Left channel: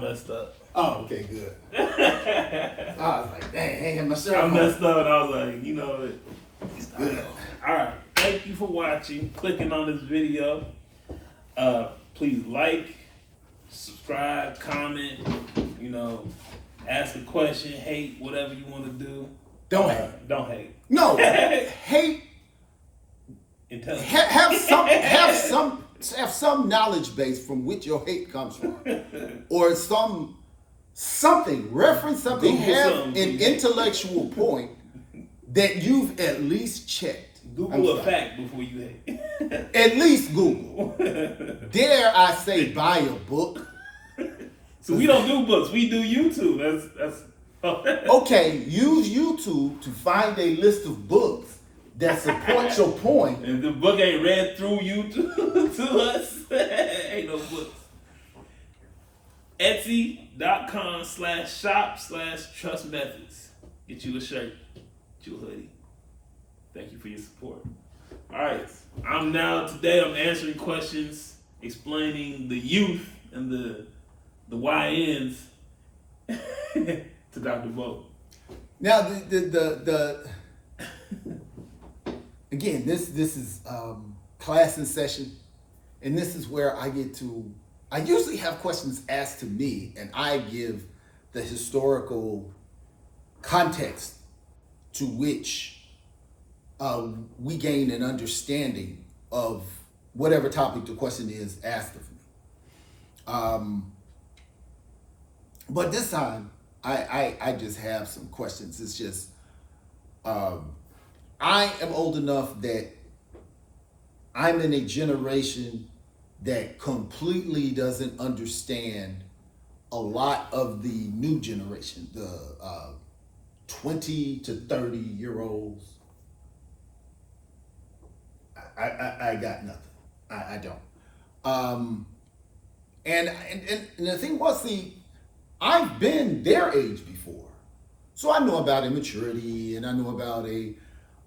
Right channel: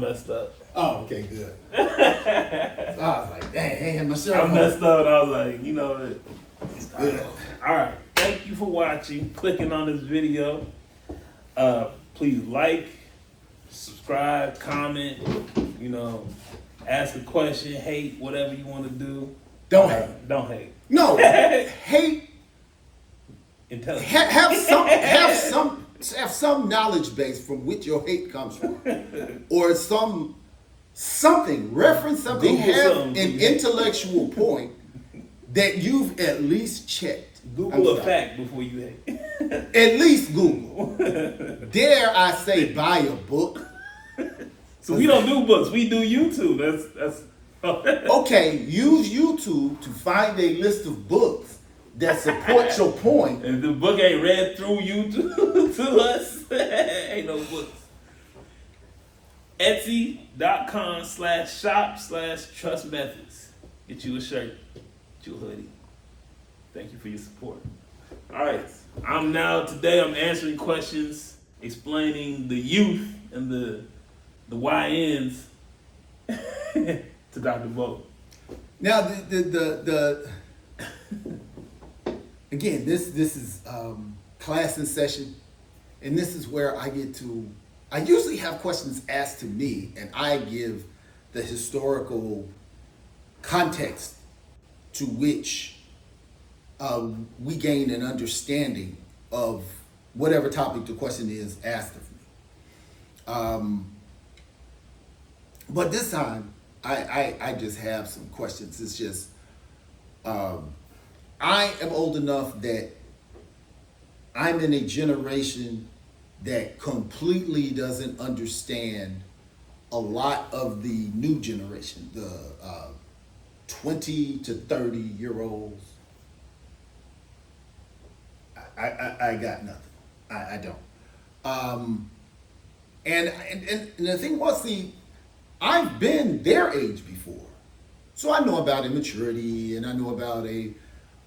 Messed up. Oh, okay, good. So I was like, dang, I ain't had my shirt I on. messed up and I was like, you know what? Good. Alright. Thank you for watching, clicking on this video. Please like, subscribe, comment, ask a question, hate, whatever you want to do. Don't hate. Don't hate. No, hate. Intelligence. Have some knowledge base from which your hate comes from, or something reference something. Google have something, an dude. intellectual point that you've at least checked. Google a fact before you hate. At least Google. Dare I say, buy a book. So we don't do books. We do YouTube. That's. Okay, use YouTube to find a list of books that support your point. If the book ain't read through you to us, ain't no books. Etsy.com/shop/trust methods. Get you a shirt, get you a hoodie. Thank you for your support. All right, today I'm answering questions, explaining the youth and the YNs to Dr. Bo. Now the again, this is class in session, and this is where I usually have questions asked to me, and I give the historical context to which we gain an understanding of whatever topic the question is asked of me. But this time, I just have some questions. It's just, I am old enough that I'm in a generation that completely doesn't understand a lot of the new generation, the 20 to 30 year olds. I got nothing. I don't. And the thing was, I've been their age before. So I know about immaturity, and I know about a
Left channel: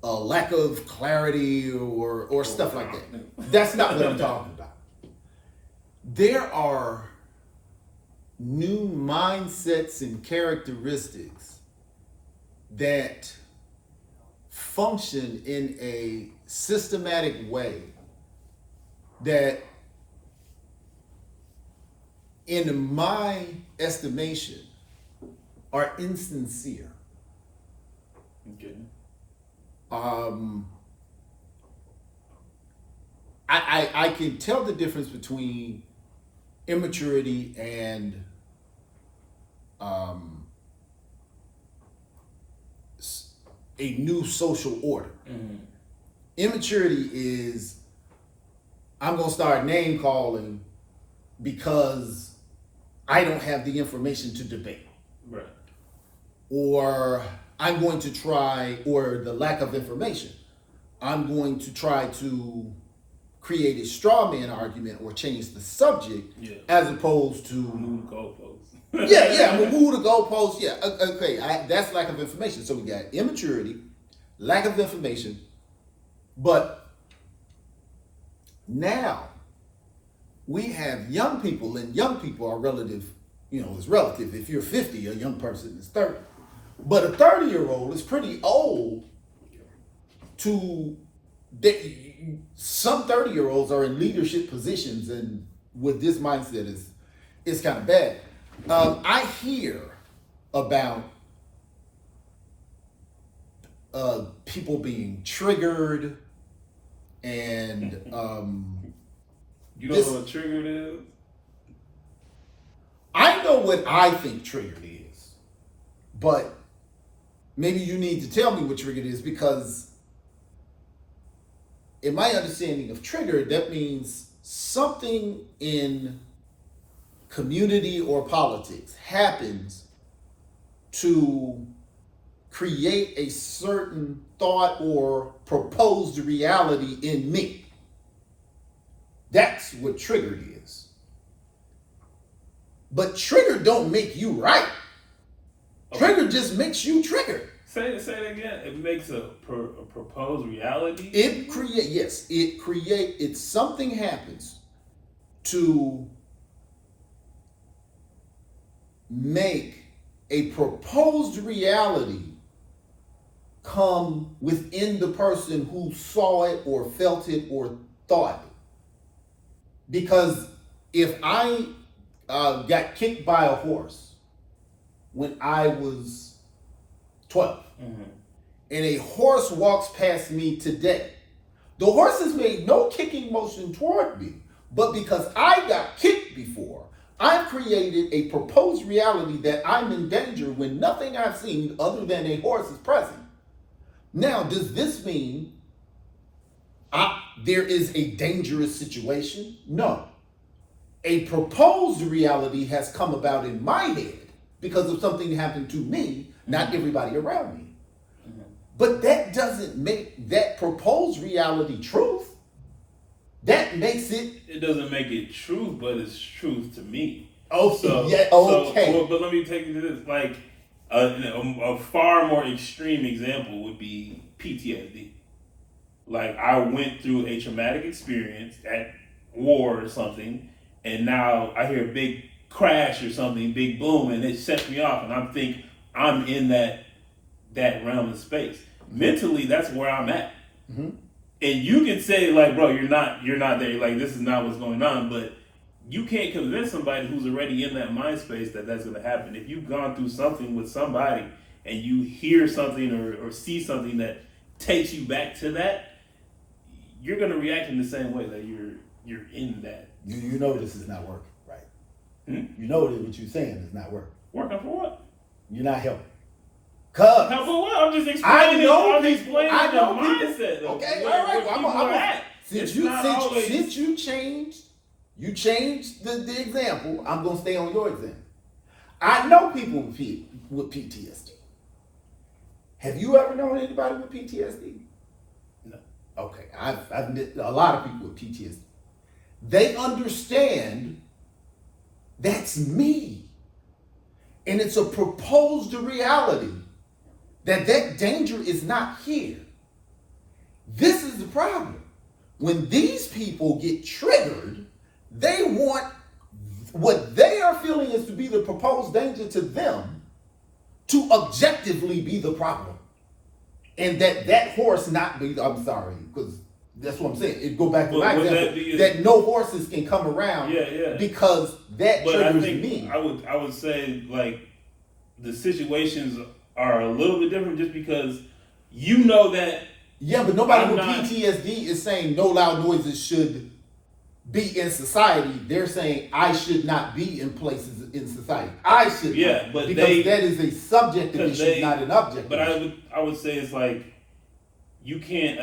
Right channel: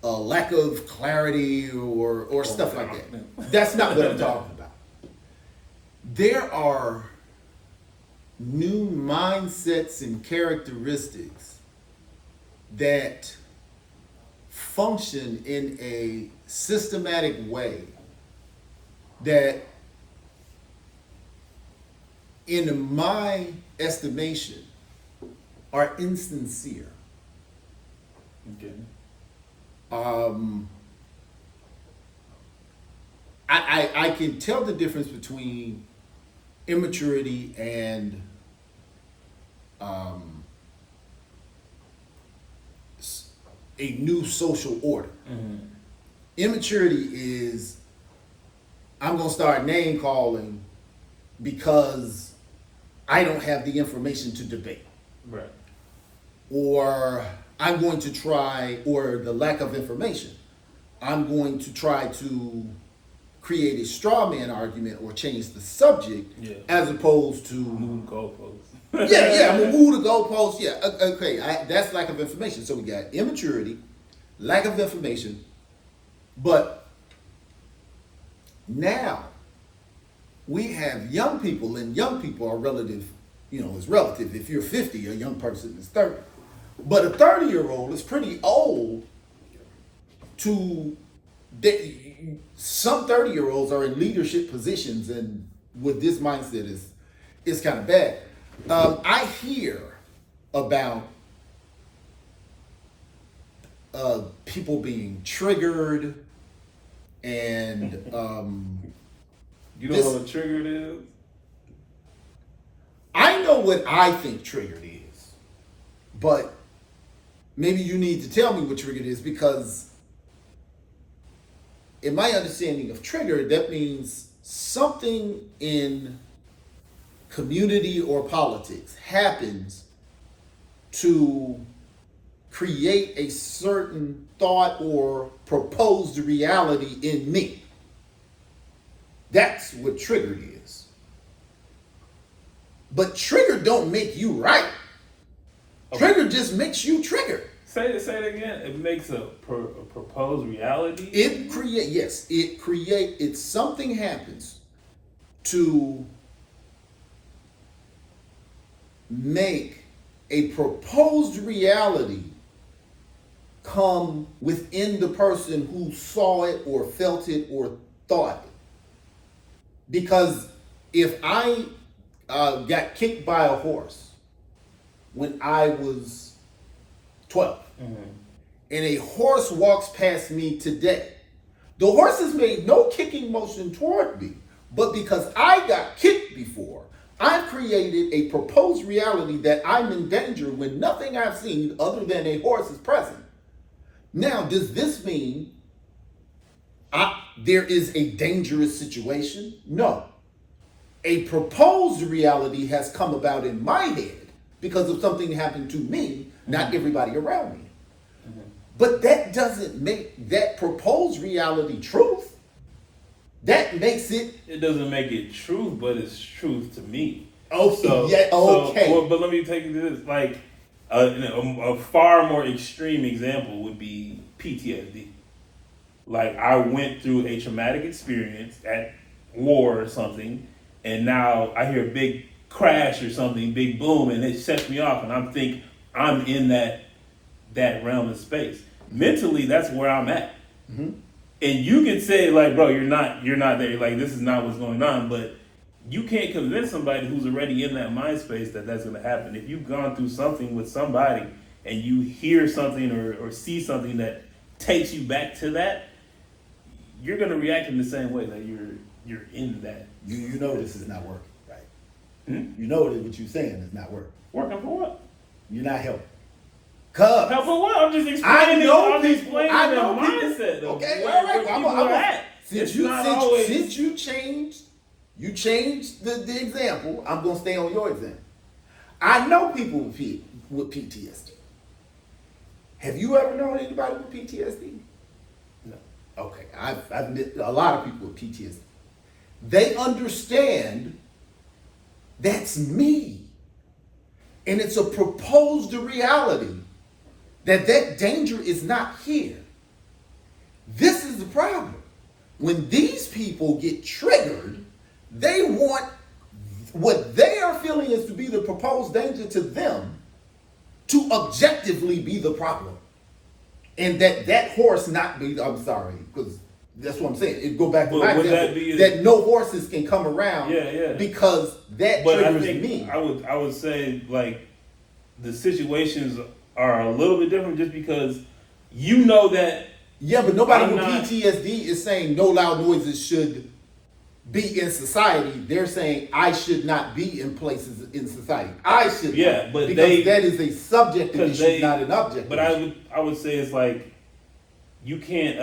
lack of clarity or stuff like that. That's not what I'm talking about. There are new mindsets and characteristics that function in a systematic way that, in my estimation, are insincere. Okay. I can tell the difference between immaturity and a new social order. Mm-hmm. Immaturity is, I'm going to start name calling because I don't have the information to debate. Right. Or I'm going to try, or the lack of information, I'm going to try to create a straw man argument or change the subject, as opposed to move the goalposts. I'm gonna move the goalposts. Yeah, okay, that's lack of information. So we got immaturity, lack of information, but now we have young people, and young people are relative. It's relative. If you're 50, a young person is 30. But a 30-year-old is pretty old some 30-year-olds are in leadership positions, and with this mindset is kind of bad. I hear about people being triggered, and you don't know what triggered is? I know what I think triggered is, but maybe you need to tell me what triggered is, because in my understanding of trigger, that means something in community or politics happens to create a certain thought or proposed reality in me. That's what triggered is. But trigger don't make you right. Trigger just makes you triggered. Say it again. It makes a proposed reality. Something happens to make a proposed reality come within the person who saw it or felt it or thought it. Because if I got kicked by a horse when I was 12, and a horse walks past me today, the horse has made no kicking motion toward me, but because I got kicked before, I've created a proposed reality that I'm in danger when nothing I've seen other than a horse is present. Now, does this mean there is a dangerous situation? No. A proposed reality has come about in my head because of something that happened to me, not everybody around me. But that doesn't make that proposed reality truth. That makes it... It doesn't make it truth, but it's truth to me. Oh, so, yeah, okay. So, but let me take you to this. Like, a far more extreme example would be PTSD. Like, I went through a traumatic experience at war or something, and now I hear a big crash or something, big boom, and it sets me off, and I'm in that realm of space. Mentally, that's where I'm at. Mm-hmm. And you can say, like, bro, you're not there. Like, this is not what's going on. But you can't convince somebody who's already in that mind space that that's going to happen. If you've gone through something with somebody and you hear something or see something that takes you back to that, you're going to react in the same way that you're in that. You know this is not working, right? Hmm? You know that what you're saying is not working. Working for what? You're not helping. Cause help for what? I'm just explaining. I know the mindset. Though. Okay, all right. Well, since you changed the example, I'm gonna stay on your example. I know people with PTSD. Have you ever known anybody with PTSD? No. Okay, I've met a lot of people with PTSD. They understand that's me, and it's a proposed reality. That danger is not here. This is the problem. When these people get triggered, they want what they are feeling is to be the proposed danger to them to objectively be the problem. And that horse not be, I'm sorry, because that's what I'm saying. It go back to my example, that no horses can come around because that triggers me. I would say, like, the situations are a little bit different just because you know that. Yeah, but nobody with PTSD is saying no loud noises should be in society. They're saying I should not be in places in society. I should not, but because that is a subjective issue, not an objective. But issue. I would say it's like you can't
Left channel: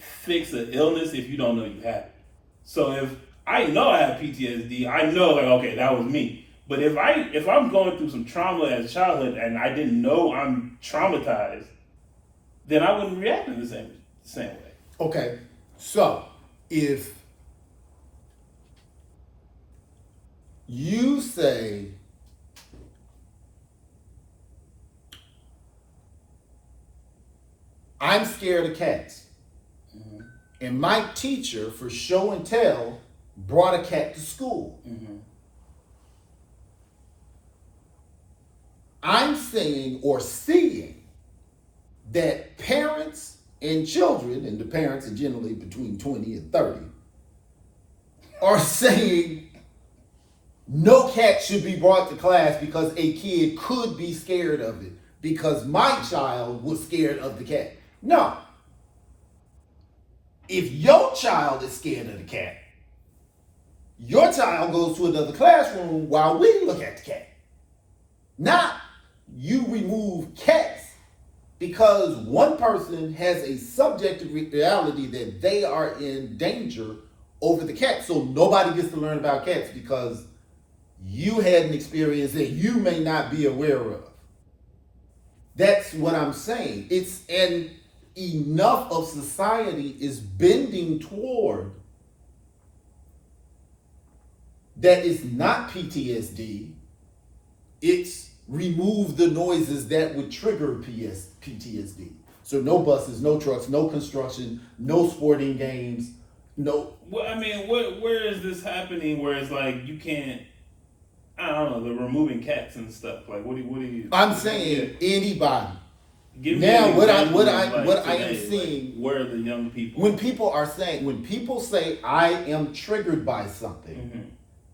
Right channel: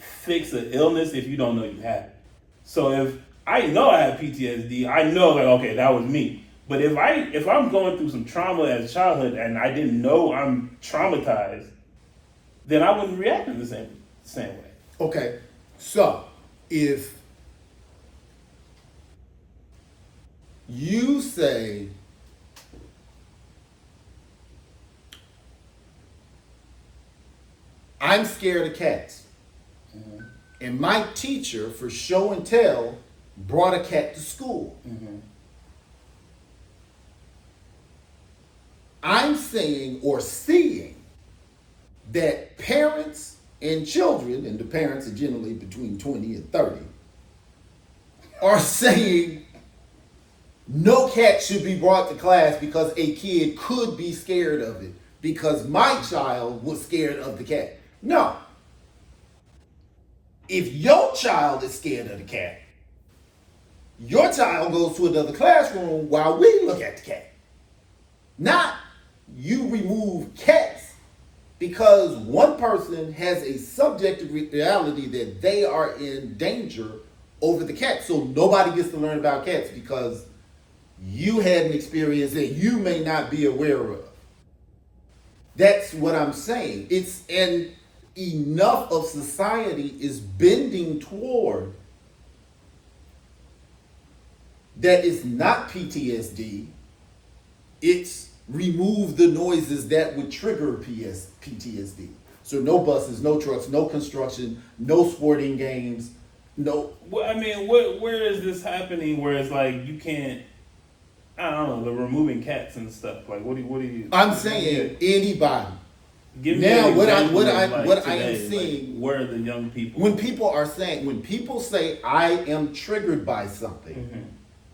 fix an illness if you don't know you have it. So if I know I have PTSD, I know, like, okay, that was me. But if I'm going through some trauma as a childhood and I didn't know I'm traumatized, then I wouldn't react in the same way. Okay, so if you say I'm scared of cats, and my teacher, for show and tell, brought a cat to school. I'm saying or seeing that parents and children, and the parents are generally between 20 and 30, are saying no cat should be brought to class because a kid could be scared of it because my child was scared of the cat. No. If your child is scared of the cat, your child goes to another classroom while we look at the cat. Not you remove cats because one person has a subjective reality that they are in danger over the cat. So nobody gets to learn about cats because you had an experience that you may not be aware of. That's what I'm saying. And enough of society is bending toward that it's not PTSD. It's remove the noises that would trigger PTSD. So no buses, no trucks, no construction, no sporting games, no. Well, I mean, where is this happening where it's like you can't, I don't know, the removing cats and stuff. Like, what do you? I'm saying anybody. Give me Now, an what example of, I am today, seeing, where are the young people? when people say I am triggered by something, Mm-hmm.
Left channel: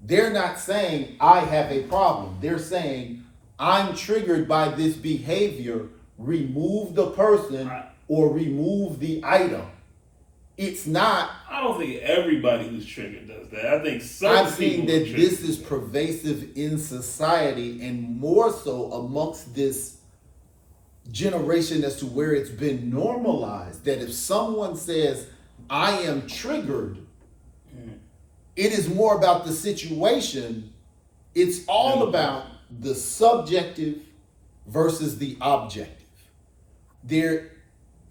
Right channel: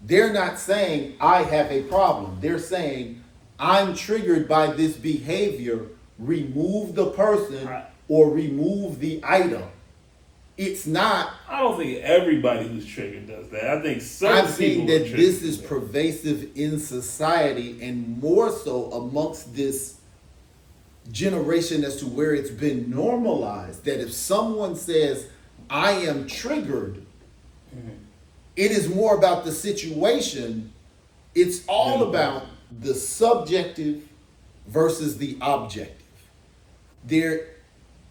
they're not saying I have a problem. They're saying I'm triggered by this behavior. Remove the person Right. or remove the item. It's not. I don't think everybody who's triggered does that. I think certain I'm saying people are that triggered this is do that. pervasive in society and more so amongst this generation as to where it's been normalized that if someone says, I am triggered, it is more about the situation. It's all about the subjective versus the objective. There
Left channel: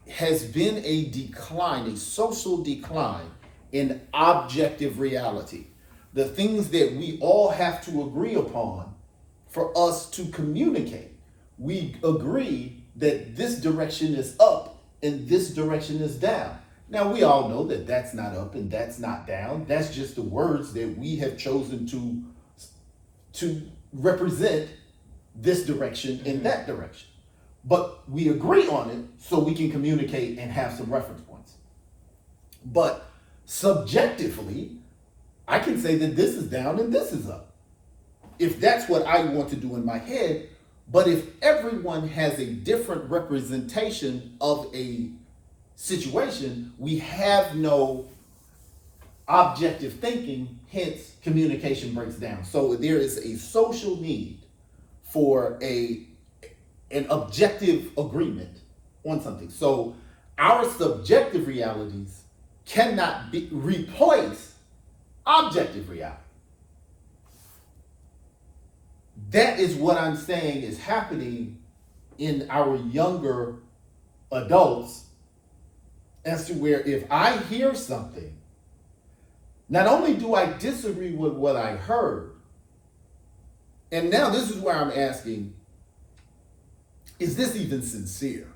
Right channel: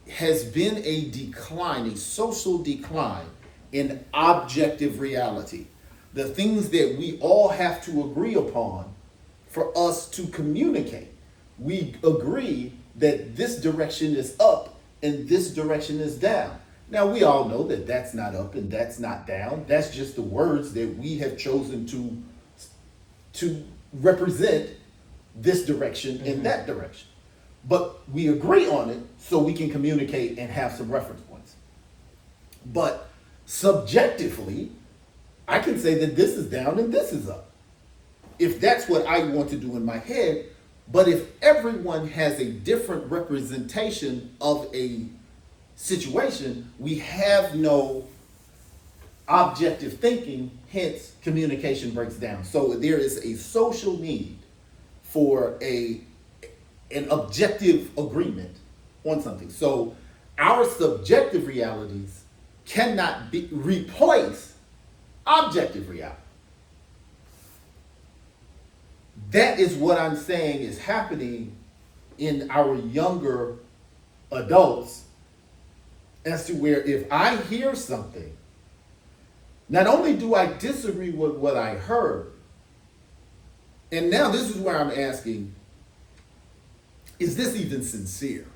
has been a decline, a social decline in objective reality. The things that we all have to agree upon for us to communicate. We agree that this direction is up and this direction is down. Now, we all know that that's not up and that's not down. That's just the words that we have chosen to represent this direction and that direction. But we agree on it so we can communicate and have some reference points. But subjectively, I can say that this is down and this is up. If that's what I want to do in my head, but if everyone has a different representation of a situation, we have no objective thinking, hence communication breaks down. So there is a social need for an objective agreement on something. So our subjective realities cannot replace objective reality. That is what I'm saying is happening in our younger adults, as to where if I hear something, not only do I disagree with what I heard, and now this is where I'm asking, is this even sincere?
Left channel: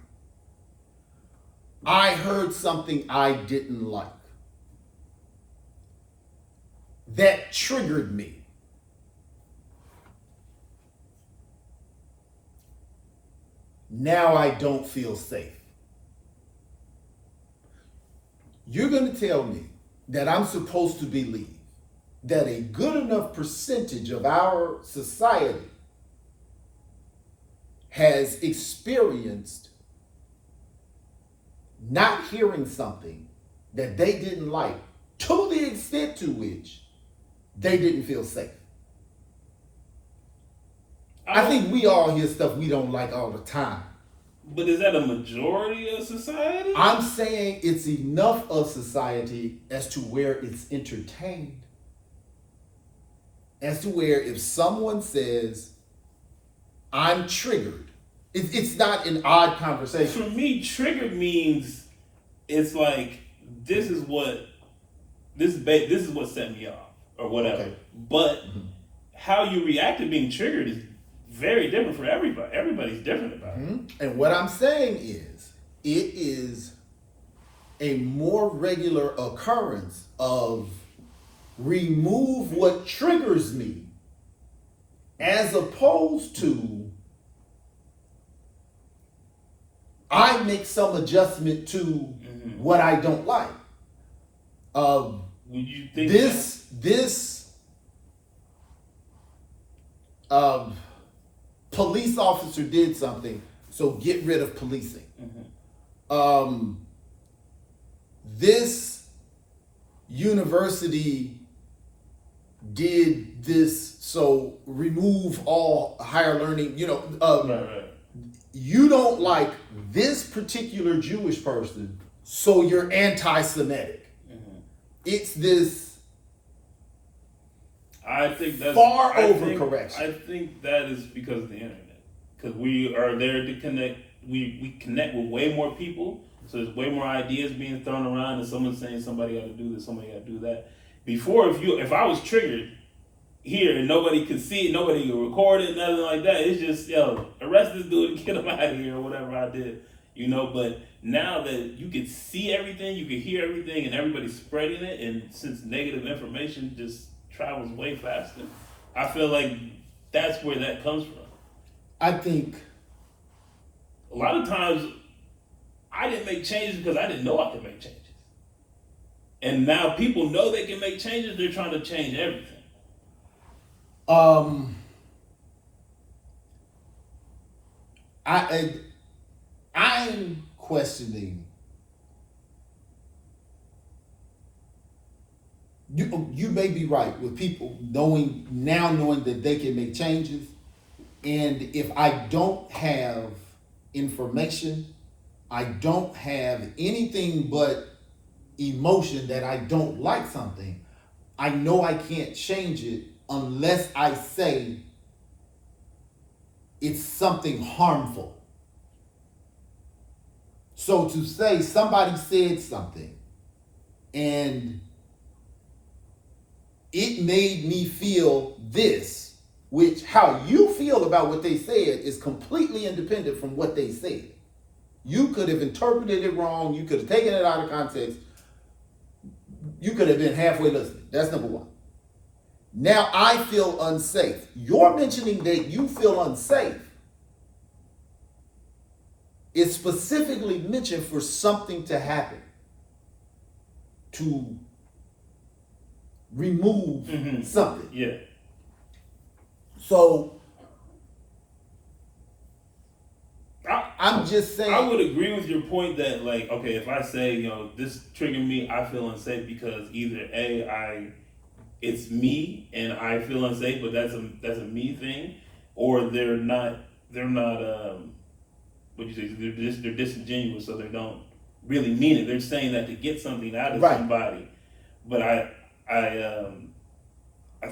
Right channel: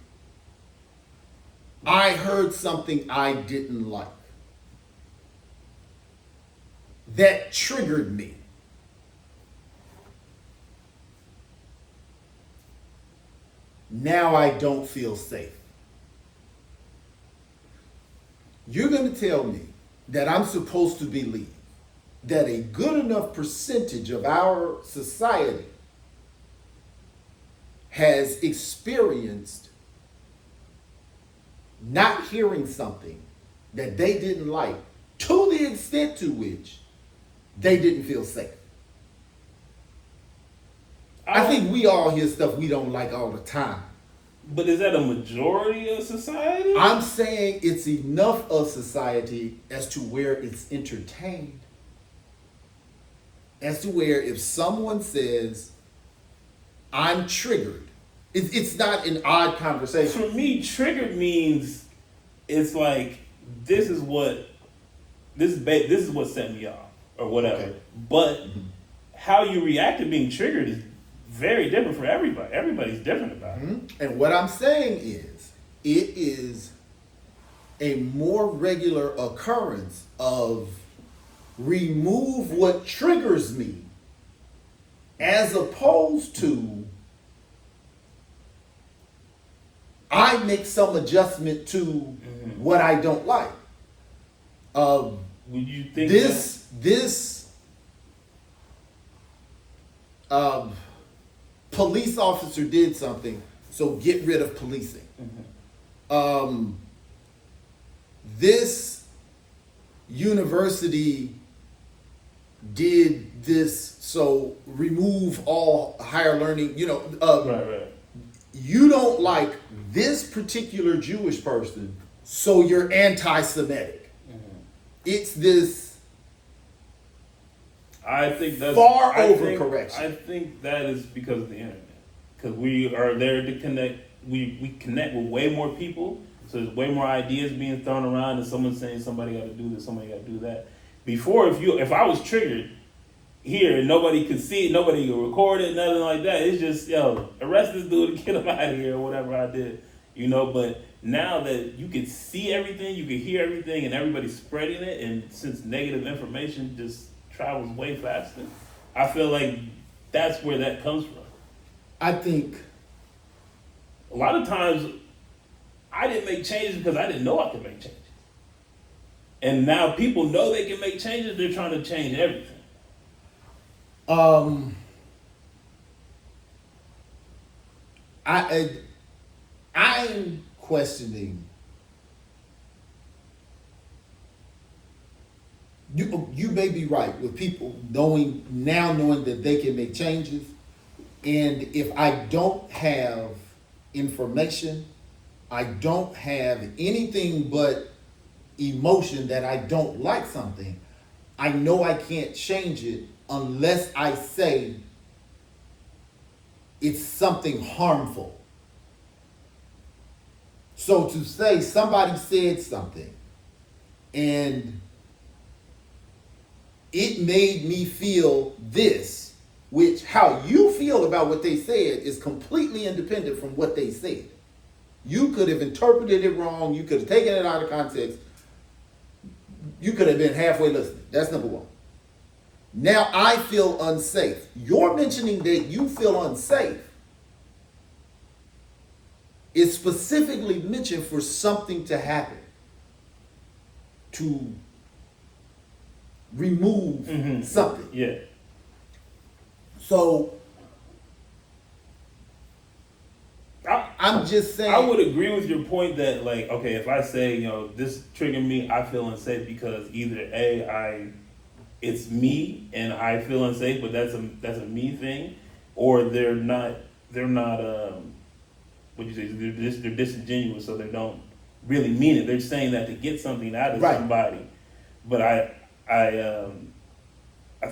I heard something I didn't like. That triggered me. Now I don't feel safe. You're going to tell me that I'm supposed to believe that a good enough percentage of our society has experienced not hearing something that they didn't like to the extent to which they didn't feel safe. I think we all hear stuff we don't like all the time. But is that a majority of society? I'm saying it's enough of society as to where it's entertained. As to where if someone says, I'm triggered, it's not an odd conversation. For me, triggered means it's like this is what set me off or whatever. Okay. But how you react to being triggered is very different for everybody. Everybody's different about it. And what I'm saying is, it is a more regular occurrence of remove what triggers me as opposed to I make some adjustment to what I don't like. Would you think This police officer did something, so get rid of policing. This university did this, so remove all higher learning. right. You don't like this particular Jewish person, so you're anti-Semitic. It's this I think that's overcorrection. I think that is because of the internet. Because we are there to connect. We connect with way more people. So there's way more ideas being thrown around, and someone saying somebody got to do this, somebody got to do that. Before, if I was triggered here and nobody could see it, nobody could record it, nothing like that. It's just arrest this dude and get him out of here or whatever I did, But now that you can see everything, you can hear everything, and everybody's spreading it, and since negative information just travels way faster, I feel like that's where that comes from. I think A lot of times, I didn't make changes because I didn't know I could make changes. And now people know they can make changes. They're trying to change everything. I'm questioning. You may be right with people knowing that they can make changes, and if I don't have information, I don't have anything but emotion that I don't like something, I know I can't change it unless I say it's something harmful. So to say somebody said something and it made me feel this, which how you feel about what they said is completely independent from what they said. You could have interpreted it wrong. You could have taken it out of context. You could have been halfway listening. That's number one. Now I feel unsafe. You're mentioning that you feel unsafe is specifically mentioned for something to happen to remove something. Yeah. So I'm just saying. I would agree with your point that, like, okay, if I say, this triggered me, I feel unsafe because either it's me and I feel unsafe, but that's a me thing, or they're not what you say, they're disingenuous, so they don't really mean it. They're saying that to get something out of somebody. But I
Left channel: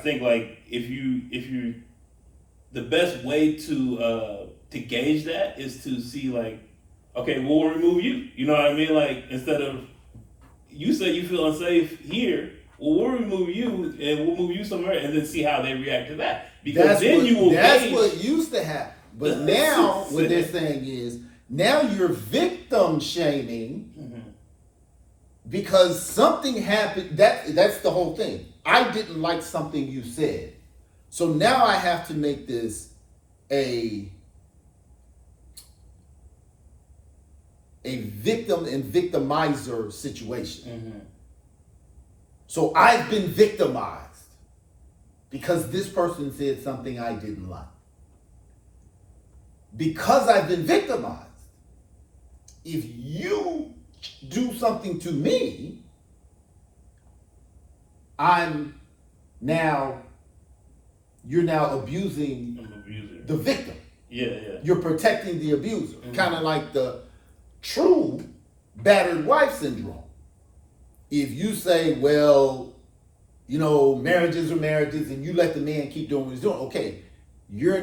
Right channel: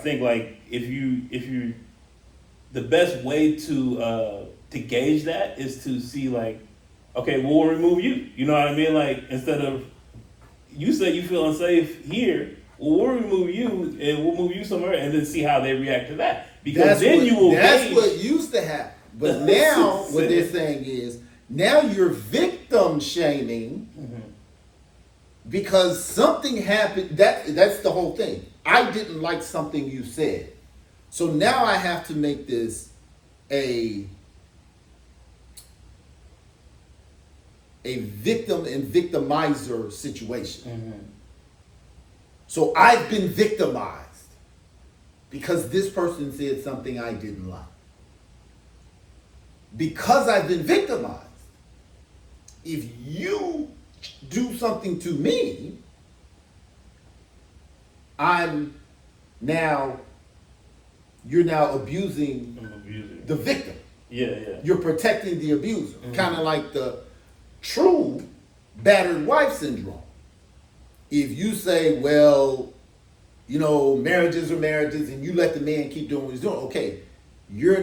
think, like, if you the best way to gauge that is to see, like, okay, we'll remove you. You know what I mean? Like, instead of you say you feel unsafe here, well, we'll remove you and we'll move you somewhere and then see how they react to that. Because that's what used to happen. But now what they're saying is now you're victim shaming because something happened. That's the whole thing. I didn't like something you said. So now I have to make this a victim and victimizer situation. So I've been victimized because this person said something I didn't like. Because I've been victimized, if you do something to me, you're now abusing the victim. Yeah. You're protecting the abuser. Kind of like the true battered wife syndrome. If you say, well, marriages are marriages and you let the man keep doing what he's doing, okay, you're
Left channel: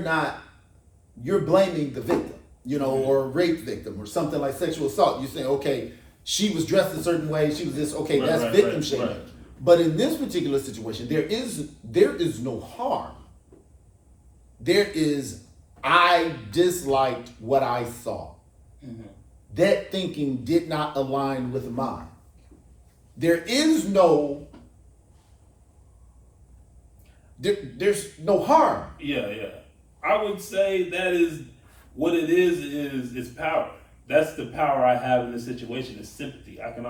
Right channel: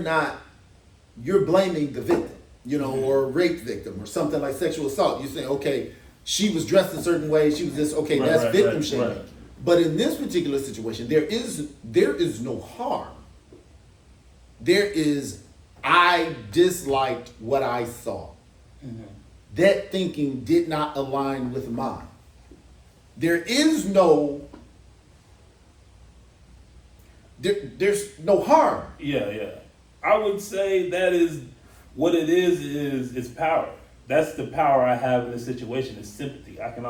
blaming the victim, or a rape victim or something like sexual assault. You say, okay, she was dressed a certain way, she was this, okay, that's victim shaming. Right. But in this particular situation, there is no harm. There is, I disliked what I saw. That thinking did not align with mine. There's no harm. Yeah. I would say that is what it is power. That's the power I have in this situation, is sympathy. I can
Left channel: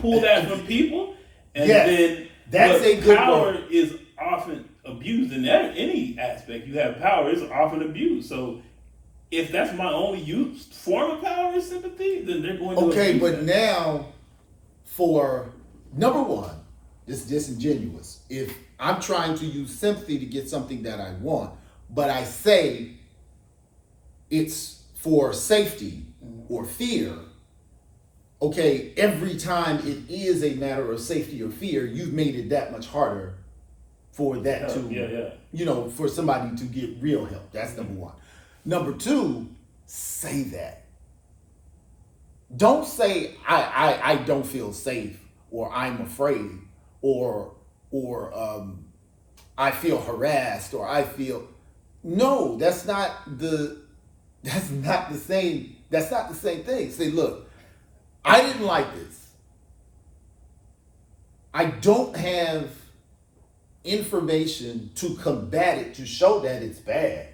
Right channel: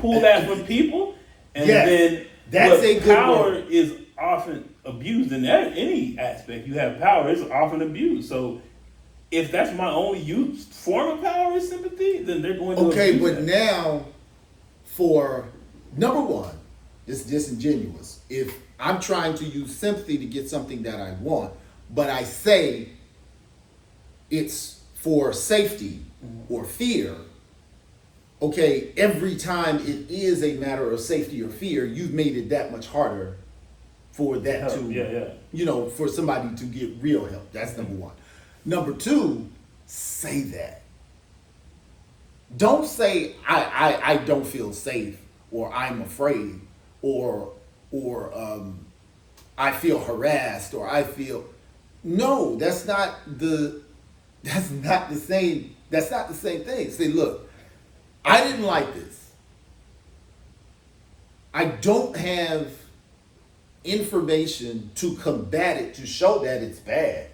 pull that from people, and then that's a good power word. Is often abused in any aspect. You have power, it's often abused. So if that's my only form of power is sympathy, then they're going to abuse but that. Now, for number one, it's disingenuous. If I'm trying to use sympathy to get something that I want, but I say it's for safety or fear, okay, every time it is a matter of safety or fear, you've made it that much harder for that for somebody to get real help. That's number one. Number two, say that. Don't say I don't feel safe, or I'm afraid, or I feel harassed, or I feel. No, that's not the same. That's not the same thing. Say, look, I didn't like this. I don't have information to combat it, to show that it's bad.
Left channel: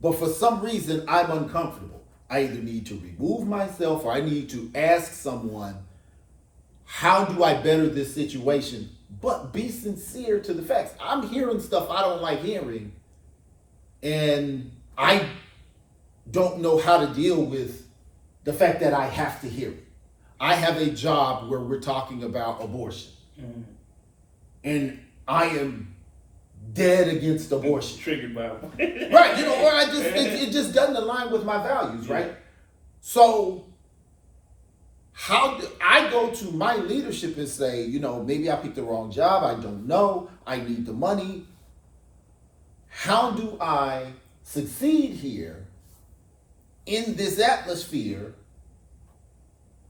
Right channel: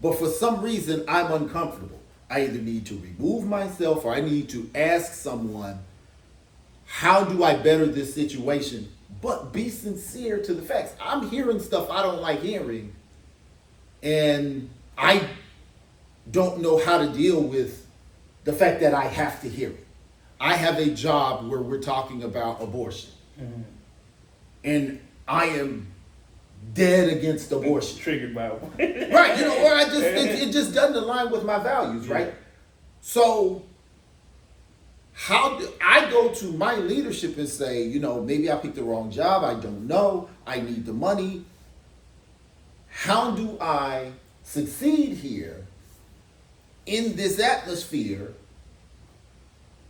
But for some reason, I'm uncomfortable. I either need to remove myself or I need to ask someone, how do I better this situation? But be sincere to the facts. I'm hearing stuff I don't like hearing, and I don't know how to deal with the fact that I have to hear it. I have a job where we're talking about abortion. Mm-hmm. And I am dead against abortion. Triggered by it. Right, or it just doesn't align with my values, right? Yeah. So how do I go to my leadership and say, maybe I picked the wrong job, I don't know, I need the money. How do I succeed here in this atmosphere?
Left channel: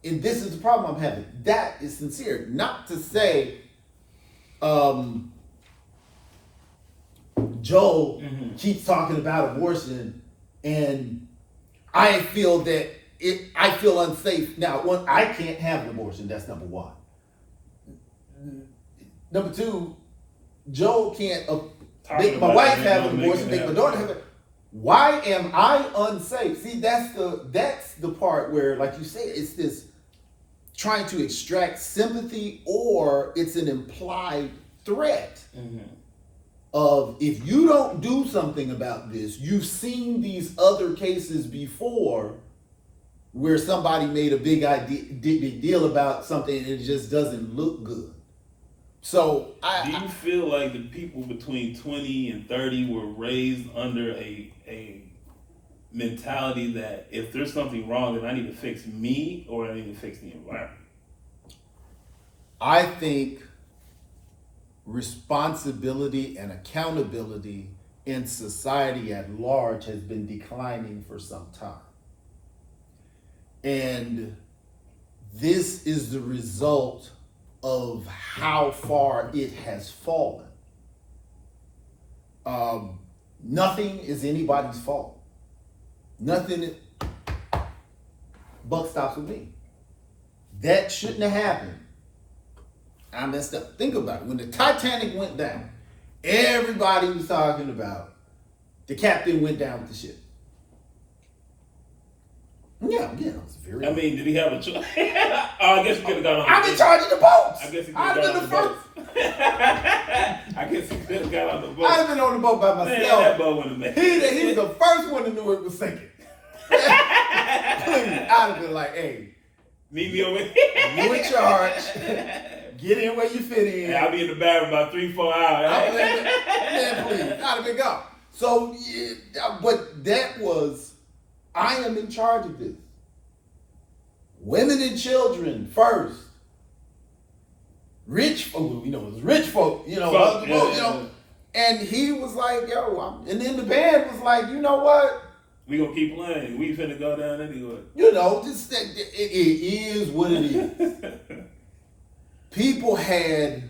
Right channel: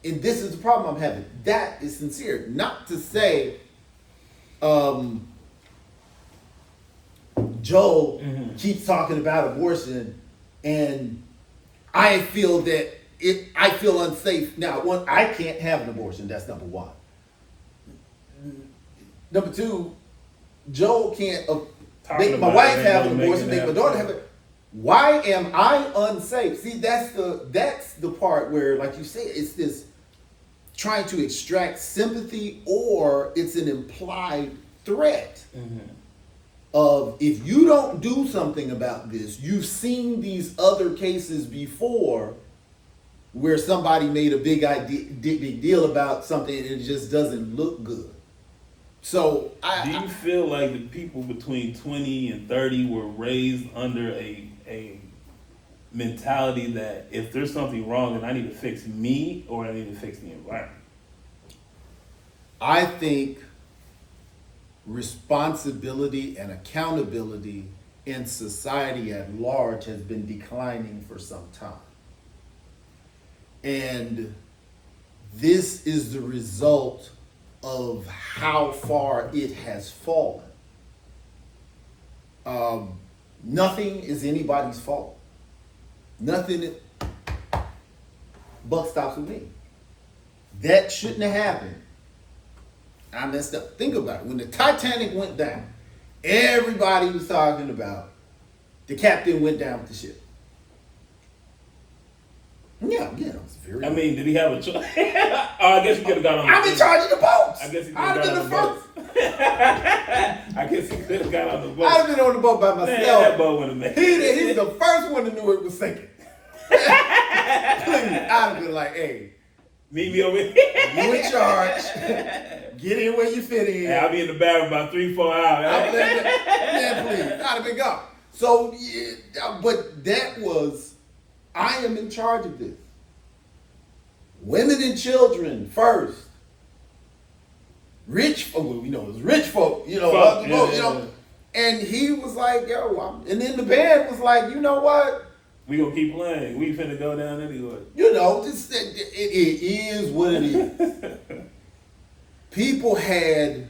And this is the problem I'm having. That is sincere. Not to say Joel keeps talking about abortion and I feel that I feel unsafe. Now, one, I can't have an abortion. That's number one. Number two, Joel can't make my wife have an abortion, make my daughter have it. Why am I unsafe? See, that's the part where, like you say, it's this trying to extract sympathy, or it's an implied threat of, if you don't do something about this, you've seen these other cases before where somebody made a big deal about something and it just doesn't look good. So do you feel like the people between 20 and 30 were raised under a mentality that if there's something wrong, then I need to fix me or I need to fix the environment? I think responsibility and accountability in society at large has been declining for some time. And this is the result of how far it has fallen. Nothing is anybody's fault. Nothing. Buck stops with me. That shouldn't have happened. I messed up. Think about it. When the Titanic went down, everybody was talking about the captain went down with the ship. Yeah, it was very. I mean, did he have a choice? I guess he could have got on the boat. I'm in charge of the boats. I guess he could I'd have have got been on the the first. boat. I guess he could have got on the boat. I'd have been on the boat by Man, myself. that boat wouldn't have made it. He was the first one to know it was sinking. Please, I'd have been like, hey, Meet me over here. you in charge. Get in where you fit in. Hey, I'll be in the bathroom about 3-4 hours. Man, please. I'd have been gone. So, yeah, but that was, I am in charge of this. Women and children first. Rich folk, it was rich folk, And he was like, and then the band was like, you know what? We gonna keep playing. We finna go down anyway. It is what it is. People had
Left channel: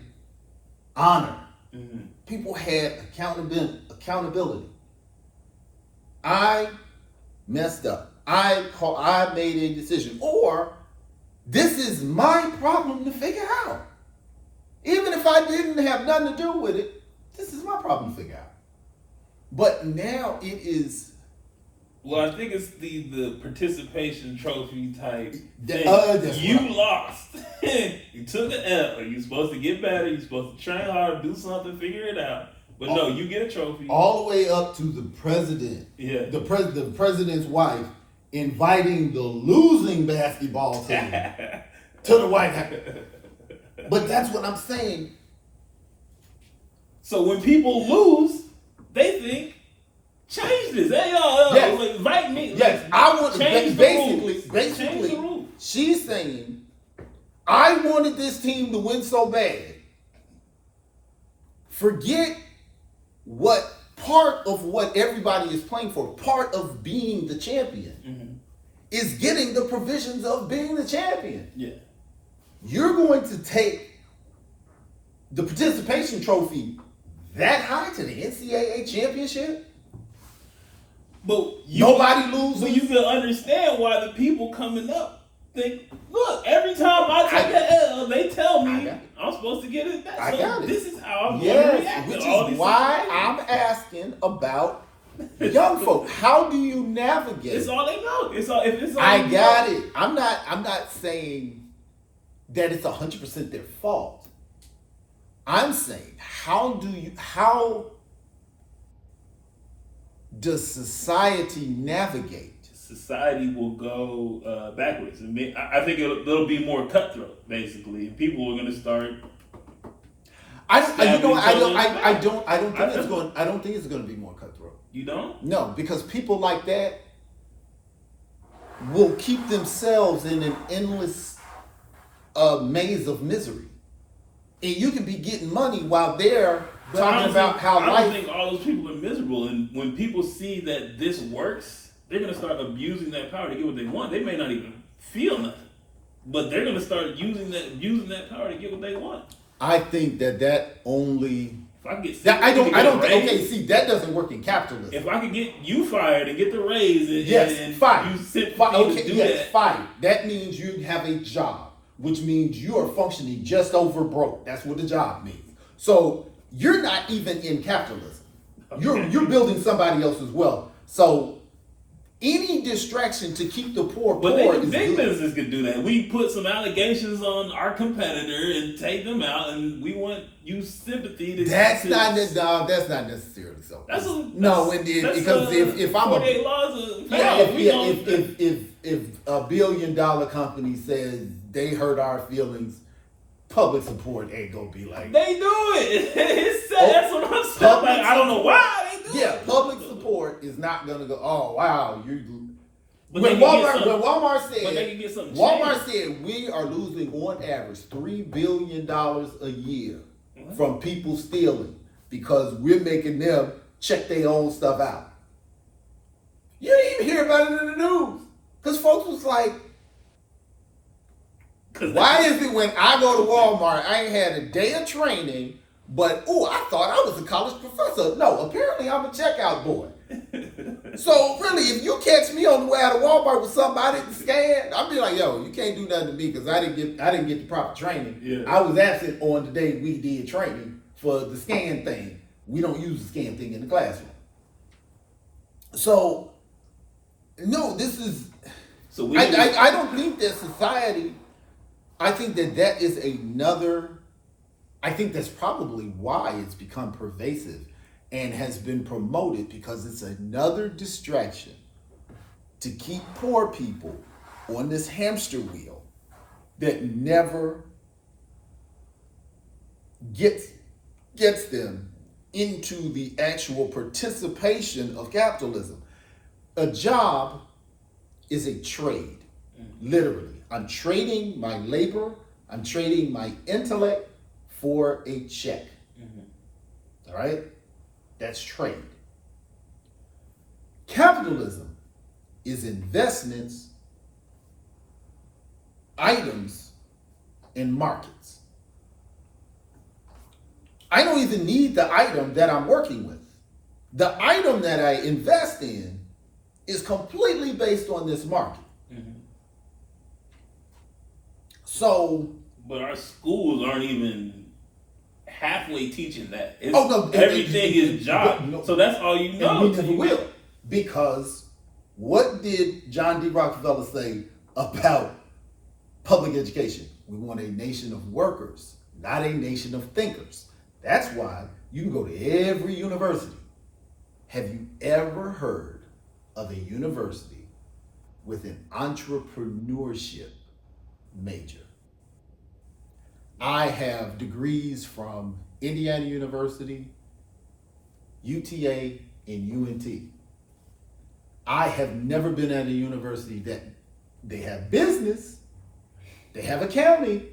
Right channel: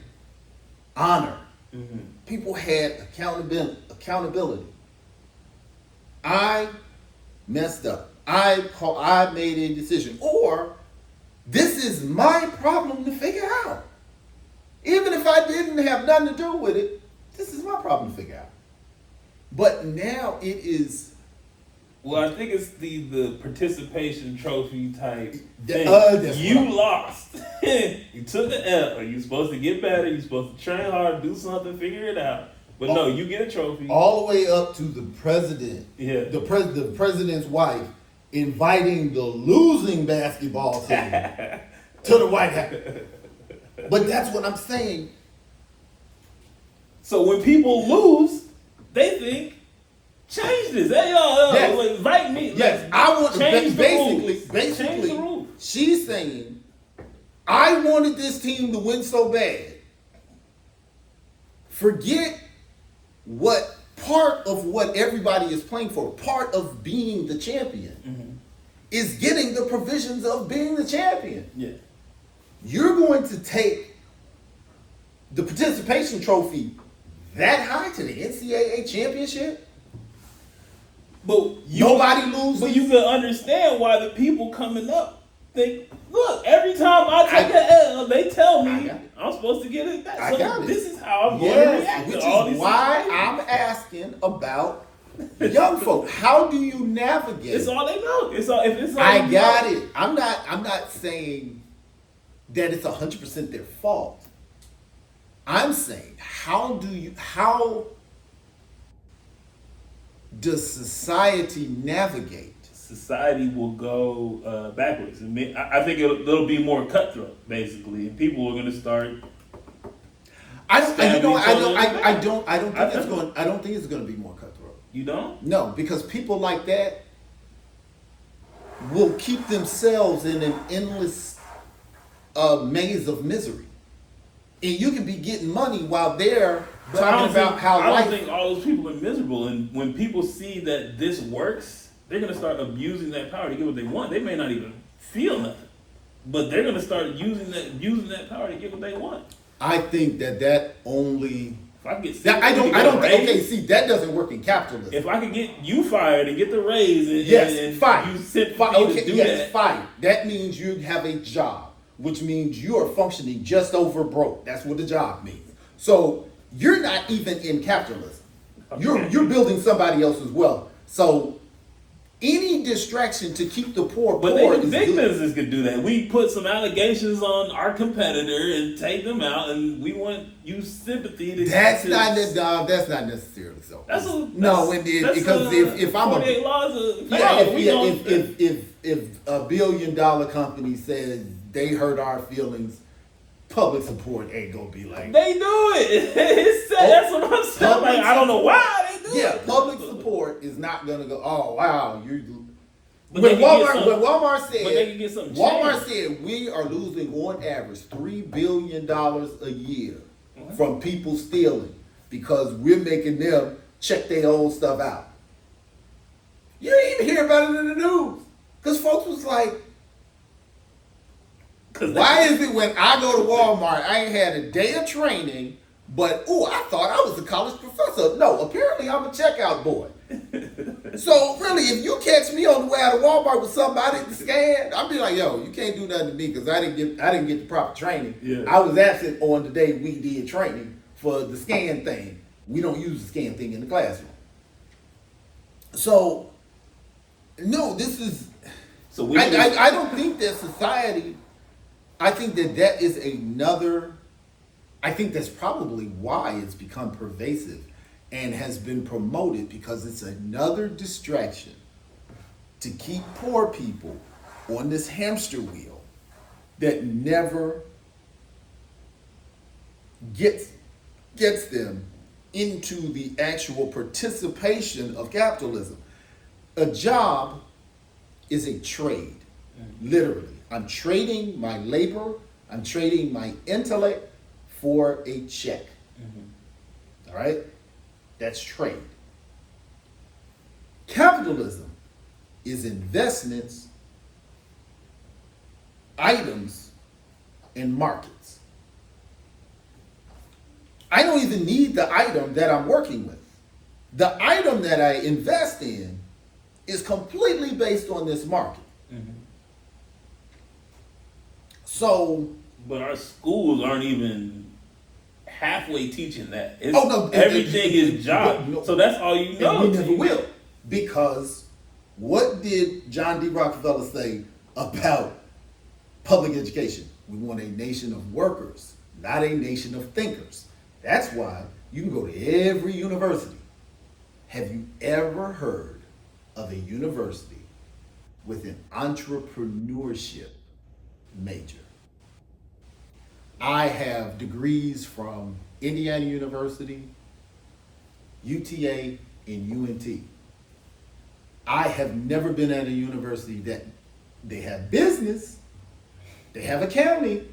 honor. Mm-hmm. People had accountability. I messed up. I made a decision. Or, this is my problem to figure out. Even if I didn't have nothing to do with it, this is my problem to figure out. But now it is. Well, I think it's the participation trophy type thing. You lost. You took an L. You're supposed to get better. You're supposed to train hard, do something, figure it out. But no, you get a trophy. All the way up to the president. Yeah. The president's wife inviting the losing basketball team to the White House. But that's what I'm saying. So when people lose, they think, change this. Hey, y'all, Yes. invite me. Yes, I want change basically, Change the rules. she's saying, I wanted this team to win so bad. Forget what part of what everybody is playing for, part of being the champion, is getting the provisions of being the champion. Yeah. You're going to take the participation trophy that high to the NCAA championship? But Nobody loses. But you can understand why the people coming up Look, every time I take an L, they tell I me got it. I'm supposed to get it back. I So got it. this is how I'm going to Yes, react which to all is these why situations. I'm asking about young folk. How do you navigate? It's all they know. It's all. If it's all I you got know. it. I'm not saying that it's 100% their fault. I'm saying how does society navigate? Society will go backwards. I think it'll be more cutthroat, basically, and people are going to start. I don't think it's going to be more cutthroat. You don't? No, because people like that will keep themselves in an endless maze of misery. And you can be getting money while they're But talking about how I life. don't think all those people are miserable. And when people see that this works, they're going to start abusing that power to get what they want. They may not even feel nothing, but they're going to start using that power to get what they want. I think that only. If I get That, I don't. raise, Okay, see, that doesn't work in capitalism. if I could get you fired and get the raise, and, and fired. you sit Okay, to do yes, that. fired. That means you have a job, which means you are functioning just over broke. That's what the job means. So you're not even in capitalism. You're building somebody else's wealth. So any distraction to keep the poor But poor then is big good. business could do that. We put some allegations on our competitor and take them out, and we want you sympathy to. That's not necessarily so. That's because if I'm 48 laws of yeah, power. We don't- if $1 billion company says they hurt our feelings, public support ain't gonna be like they do it. It's sad. That's what I'm saying. Like, I don't know why they do it. public support is not gonna go. Oh wow, But when they can get Walmart some- Walmart said but they can get something Walmart changed. said we are losing on average $3 billion a year from people stealing because we're making them check their own stuff out. You didn't even hear about it in the news because folks was like, why is it when I go to Walmart, I ain't had a day of training, but I thought I was a college professor. No, apparently I'm a checkout boy. So really, if you catch me on the way out of Walmart with something I didn't scan, I'll be like, yo, you can't do nothing to me because I didn't get the proper training. Yeah. I was absent on the day we did training for the scan thing. We don't use the scan thing in the classroom. So, no, this is. So we. I don't think that society. I think that is another. I think that's probably why it's become pervasive and has been promoted because it's another distraction to keep poor people on this hamster wheel that never gets them into the actual participation of capitalism. A job is a trade, literally. I'm trading my labor, I'm trading my intellect for a check. All right? That's trade. Capitalism is investments, items, and markets. I don't even need the item that I'm working with. The item that I invest in is completely based on this market. So, But our schools aren't even halfway teaching that. It's, no, everything is job. So that's all you know. and we never will. Because what did John D. Rockefeller say about public education? We want a nation of workers, not a nation of thinkers. That's why you can go to every university. Have you ever heard of a university with an entrepreneurship major? I have degrees from Indiana University, UTA, and UNT. I have never been at a university that they have business, they have accounting.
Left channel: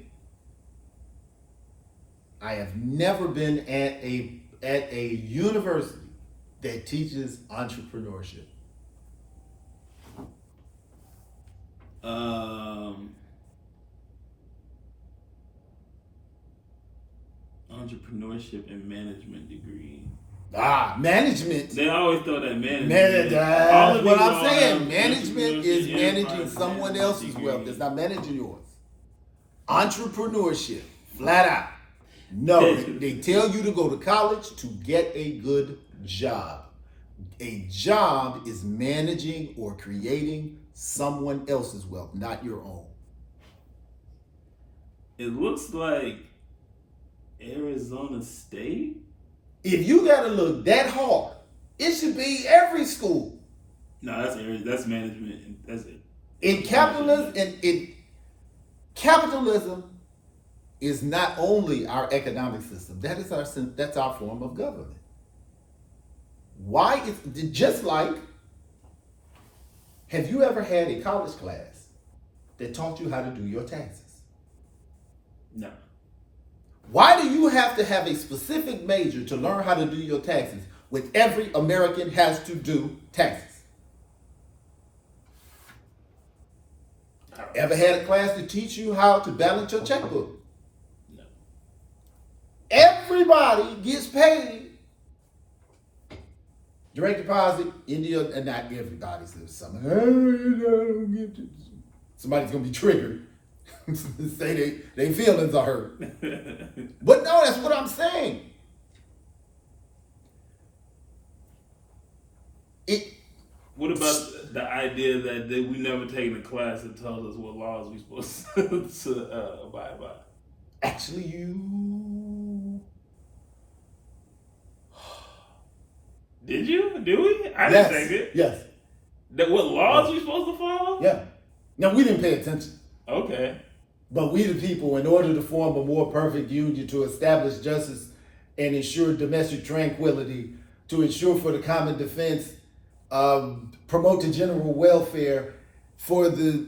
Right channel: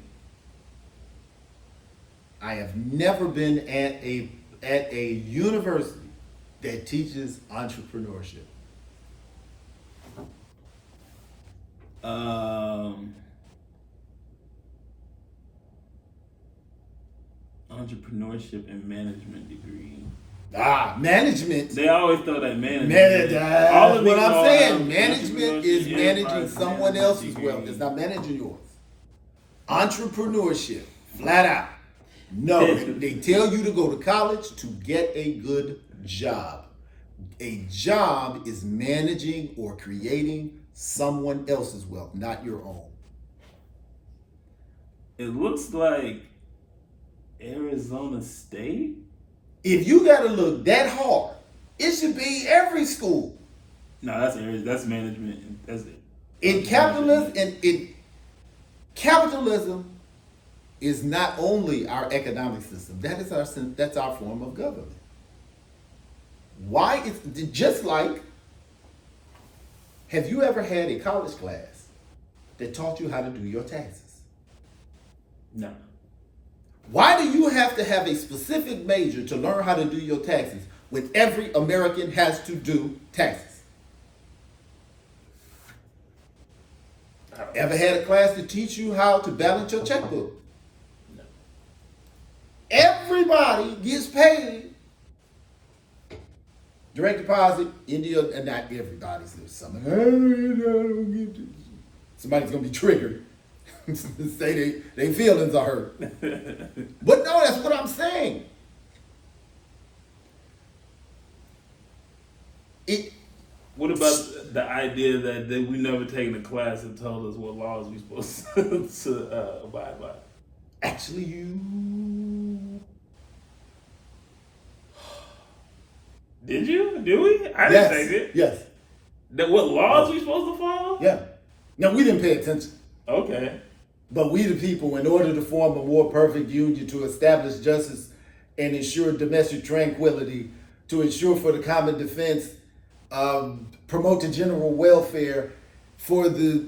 I have never been at a university that teaches entrepreneurship. Entrepreneurship and management degree. Management. They always throw that management. All of What these I'm all saying, have management entrepreneurship, is yeah, managing five someone management else's wealth. degrees. It's not managing yours. Entrepreneurship, flat out. No, they tell you to go to college to get a good job. A job is managing or creating someone else's wealth, not your own. It looks like Arizona State. If you got to look that hard, it should be every school. No, that's management. That's it. In capitalism, capitalism is not only our economic system. That's our form of government. Why is just like? Have you ever had a college class that taught you how to do your taxes? No. Why do you have to have a specific major to learn how to do your taxes when every American has to do taxes? Ever had a class to teach you how to balance your checkbook? No. Everybody gets paid direct deposit in the, and not everybody. Somebody's gonna be triggered. Say they feelings are hurt. But no, that's what I'm saying. What about the idea that we never taken a class that told us what laws we supposed to abide by? Actually, Did you? Do we? I yes, didn't take it. yes, That what laws we supposed to follow? yeah. Now we didn't pay attention. Okay. But we the people, in order to form a more perfect union, to establish justice and ensure domestic tranquility, to ensure for the common defense, promote the general welfare, for the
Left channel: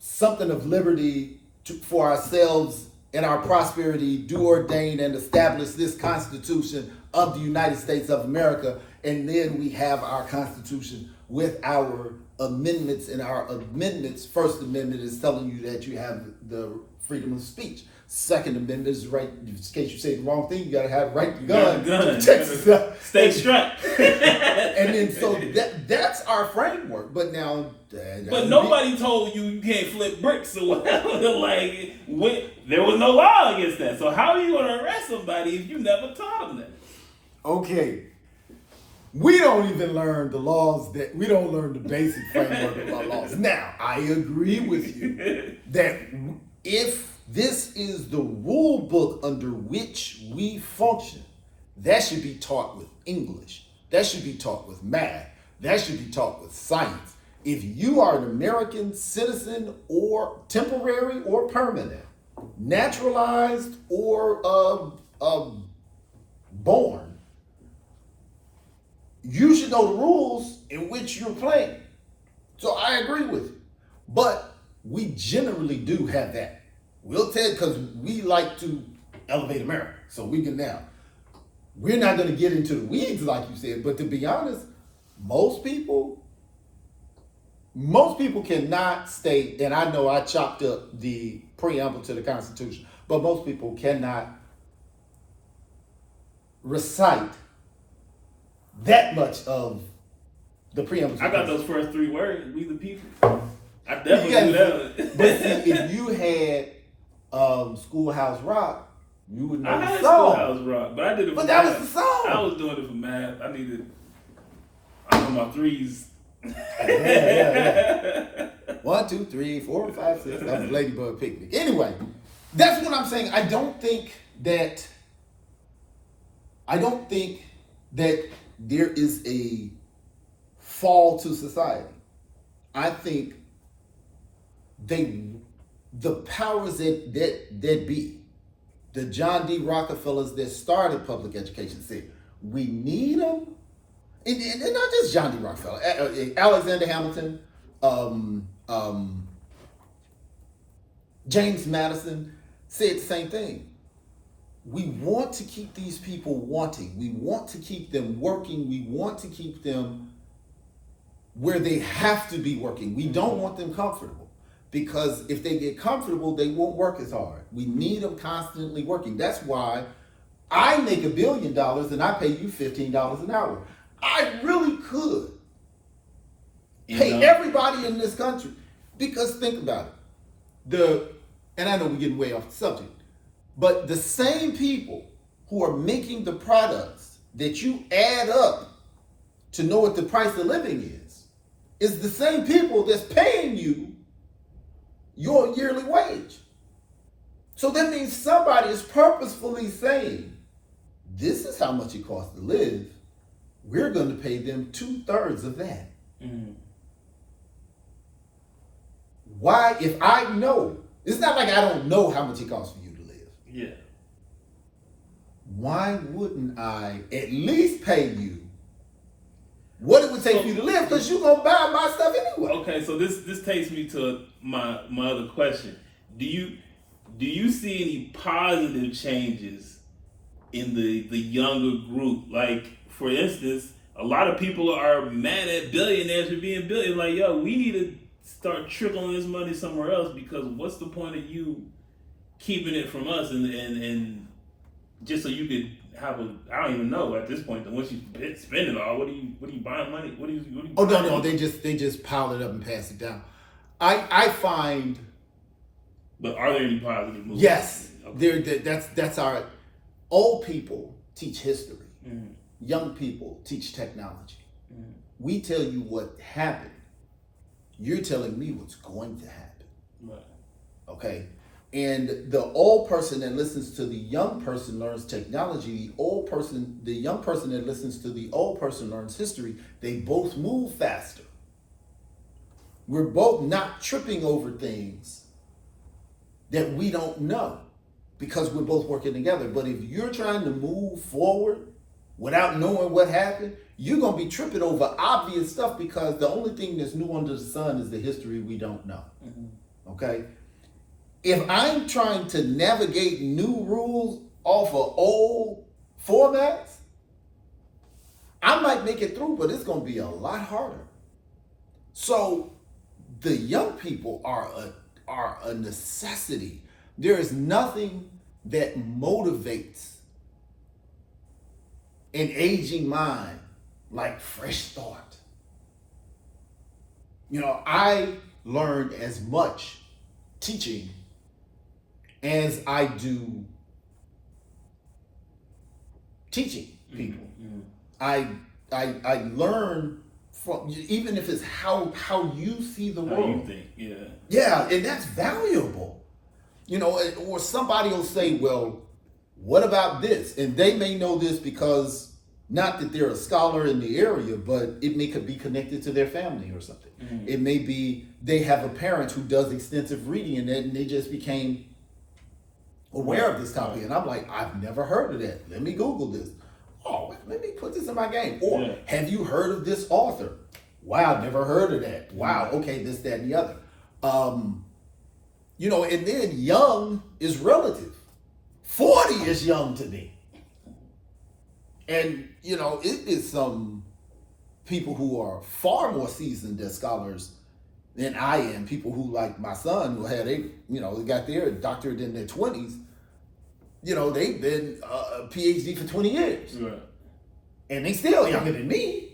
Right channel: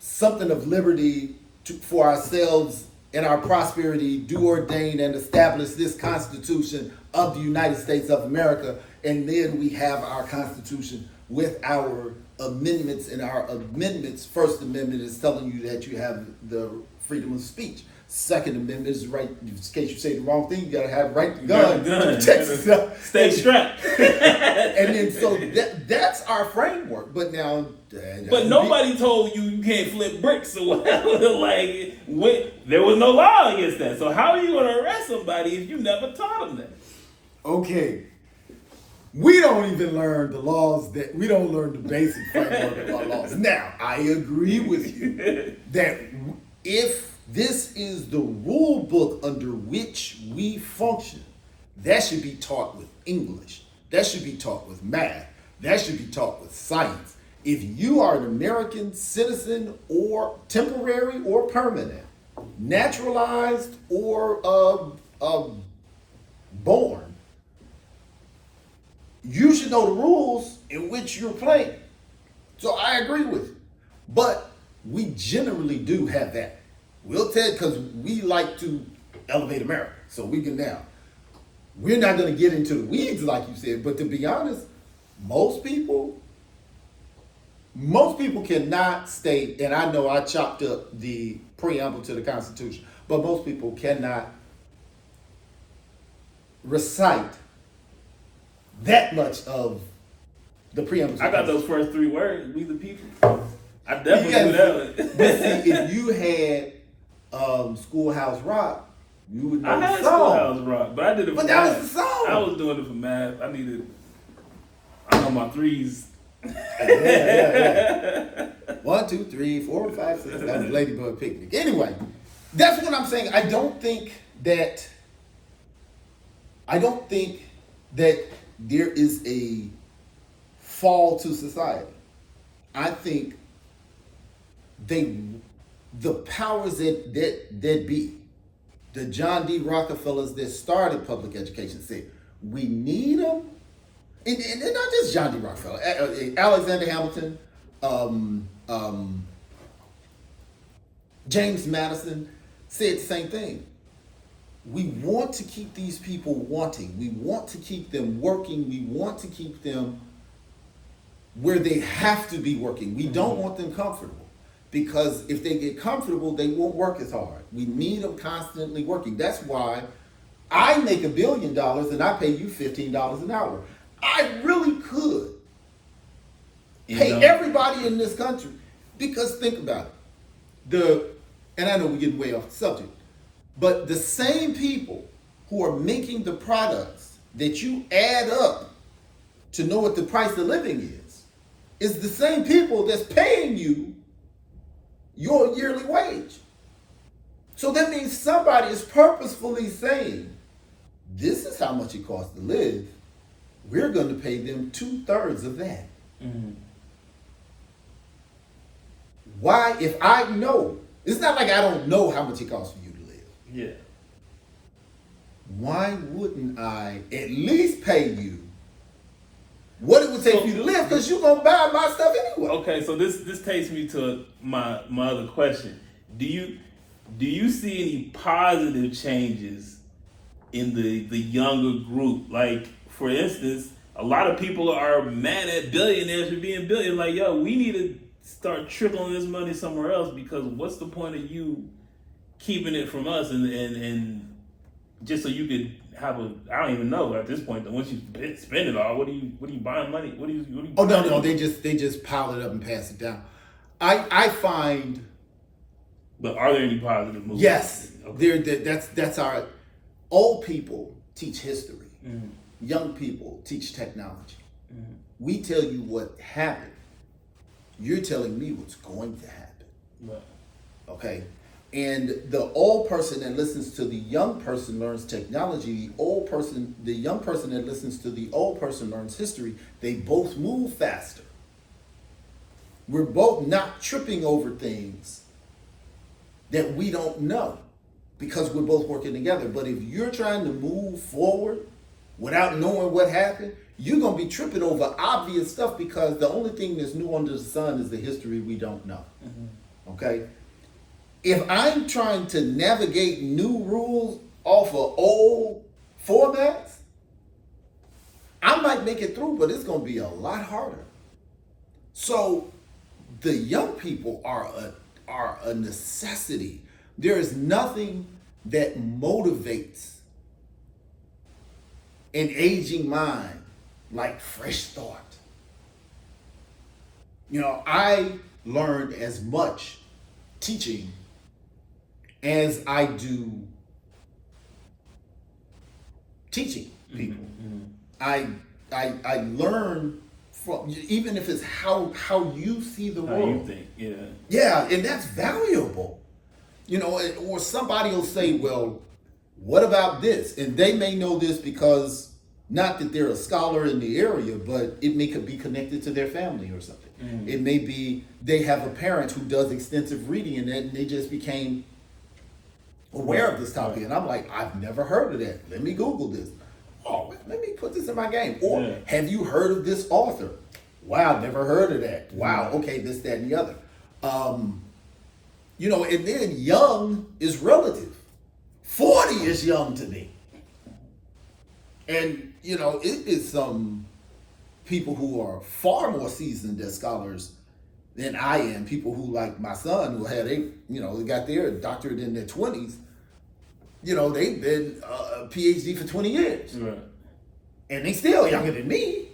something of liberty for ourselves and our prosperity, do ordain and establish this Constitution of the United States of America. And then we have our Constitution with our amendments, and our amendments, First Amendment is telling you that you have the freedom of speech. Second Amendment is right, in case you say the wrong thing, you gotta have right to gun. To protect yourself. Stay strapped. And then so that's our framework. But now, But nobody told you can't flip bricks or whatever. Like, there was no law against that. So how are you going to arrest somebody if you never taught them that? Okay. We don't even learn the laws we don't learn the basic framework of our laws. Now, I agree with you that if this is the rule book under which we function, that should be taught with English. That should be taught with math. That should be taught with science. If you are an American citizen, or temporary or permanent, naturalized or born, you should know the rules in which you're playing. So I agree with you. But we generally do have that. We'll tell, because we like to elevate America. So we can now. We're not going to get into the weeds like you said, but to be honest, most people cannot state, and I know I chopped up the preamble to the Constitution, but most people cannot recite that much of the preamble. I got those first three words, we the people. I definitely do that. But see, if you had Schoolhouse Rock, you would know I the had song. Schoolhouse Rock, but I did it for But math. that was the song. I was doing it for math. I'm on my threes. Yeah. 1, 2, 3, 4, 5, 6. That was Ladybug Picnic. Anyway, that's what I'm saying. I don't think that there is a fall to society. I think the powers that be, the John D. Rockefellers that started public education, said we need them. And not just John D. Rockefeller, Alexander Hamilton, James Madison said the same thing. We want to keep these people wanting. We want to keep them working. We want to keep them where they have to be working. We don't want them comfortable, because if they get comfortable, they won't work as hard. We need them constantly working. That's why I make $1 billion and I pay you $15 an hour. I really could pay everybody in this country, because think about it. And I know we're getting way off the subject, but the same people who are making the products that you add up to know what the price of living is the same people that's paying you your yearly wage. So that means somebody is purposefully saying, this is how much it costs to live. We're going to pay them 2/3 of that. Mm-hmm. Why, if I know, it's not like I don't know how much it costs for you to live. Yeah. Why wouldn't I at least pay you what it would take for you to live? Because you're going to buy my stuff anyway. Okay, so this takes me to my other question. Do you see any positive changes in the younger group? Like, for instance, a lot of people are mad at billionaires for being billionaires. Like, yo, we need to start trickling this money somewhere else, because what's the point of you keeping it from us and just so you could have I don't even know at this point that once you spend it all, what are you buying money? What are you Oh no, they just pile it up and pass it down. I find. But are there any positive moves? Yes, okay. That's our old people teach history. Mm-hmm. Young people teach technology. Mm-hmm. We tell you what happened. You're telling me what's going to happen. Right. Okay. And the old person that listens to the young person learns technology. The young person that listens to the old person learns history. They both move faster. We're both not tripping over things that we don't know because we're both working together. But if you're trying to move forward without knowing what happened, you're going to be tripping over obvious stuff, because the only thing that's new under the sun is the history we don't know. Mm-hmm. Okay? If I'm trying to navigate new rules off of old formats, I might make it through, but it's going to be a lot harder. So the young people are a necessity. There is nothing that motivates an aging mind like fresh thought. You know, I learned as much teaching as I do teaching people. Mm-hmm. I learn from, even if it's how you see the world. How you think, yeah. Yeah, and that's valuable. You know, or somebody will say, well, what about this? And they may know this because, not that they're a scholar in the area, but it could be connected to their family or something. Mm-hmm. It may be they have a parent who does extensive reading and they just became aware of this topic. And I'm like, I've never heard of that. Let me Google this. Oh, let me put this in my game. Or, have you heard of this author? Wow, never heard of that. Wow, okay, this, that, and the other. You know, and then young is relative. 40 is young to me. And, you know, it is some people who are far more seasoned as scholars than I am. People who, like my son, who had they got their doctorate in their 20s. You know, they've been a PhD for 20 years. Right. And they still younger than me.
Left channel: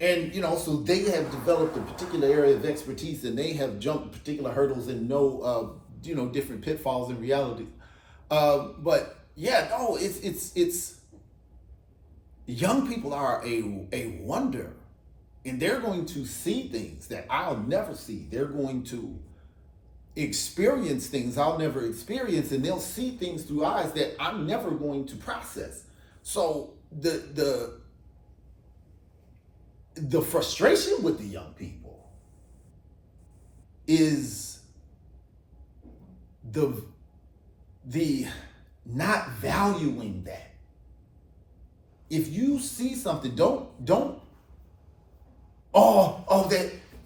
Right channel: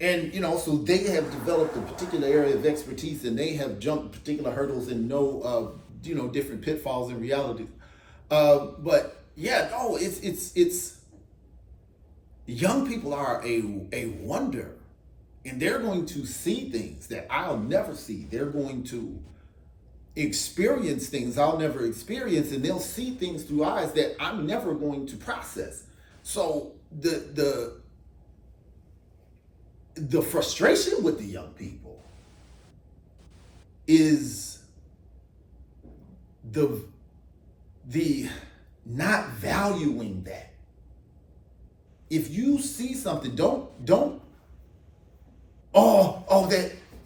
And, you know, so they have developed a particular area of expertise, and they have jumped particular hurdles and know, different pitfalls and realities. But yeah, no, it's young people are a wonder, and they're going to see things that I'll never see. They're going to experience things I'll never experience, and they'll see things through eyes that I'm never going to process. So the frustration with the young people is the not valuing that. If you see something, don't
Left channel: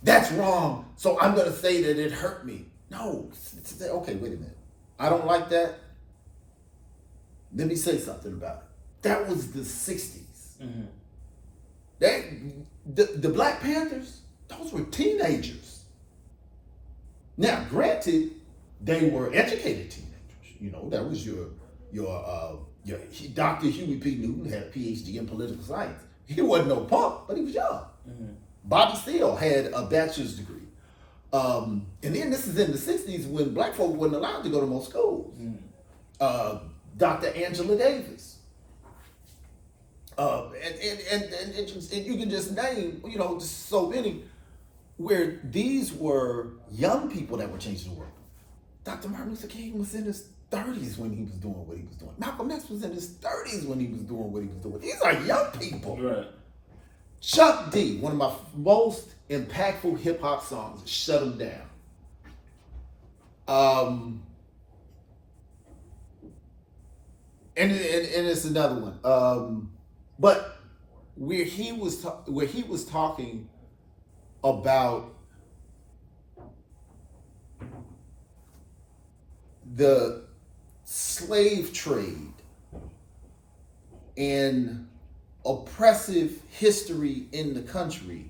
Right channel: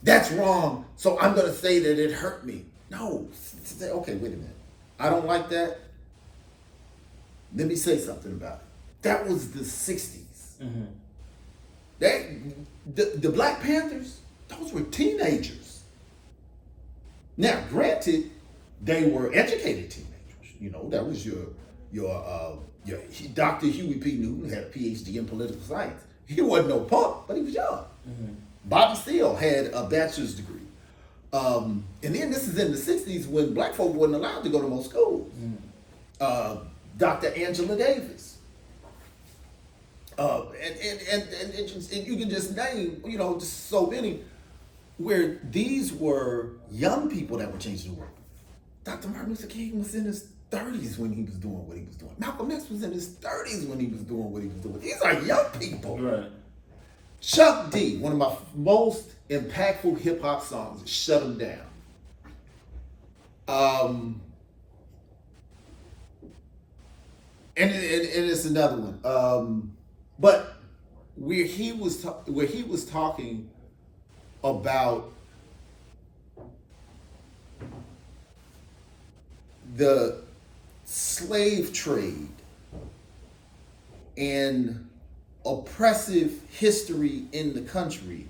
that's wrong, so I'm gonna say that it hurt me. No, okay, wait a minute. I don't like that. Let me say something about it. That was the 60s. Mm-hmm. The Black Panthers, those were teenagers. Now, granted, they were educated teenagers. You know, that was your Yeah, Dr. Huey P. Newton had a PhD in political science. He wasn't no punk, but he was young. Bobby Seale had a bachelor's degree. And then this is in the 60s when black folk wasn't allowed to go to most schools. Dr. Angela Davis. And you can just name, just so many, where these were young people that were changing the world. Dr. Martin Luther King was in his 30s when he was doing what he was doing. Malcolm X was in his 30s when he was doing what he was doing. These are young people. Right. Chuck D, one of my most impactful hip hop songs, Shut 'Em Down. And it's another one. But where he was talking about the slave trade and oppressive history in the country,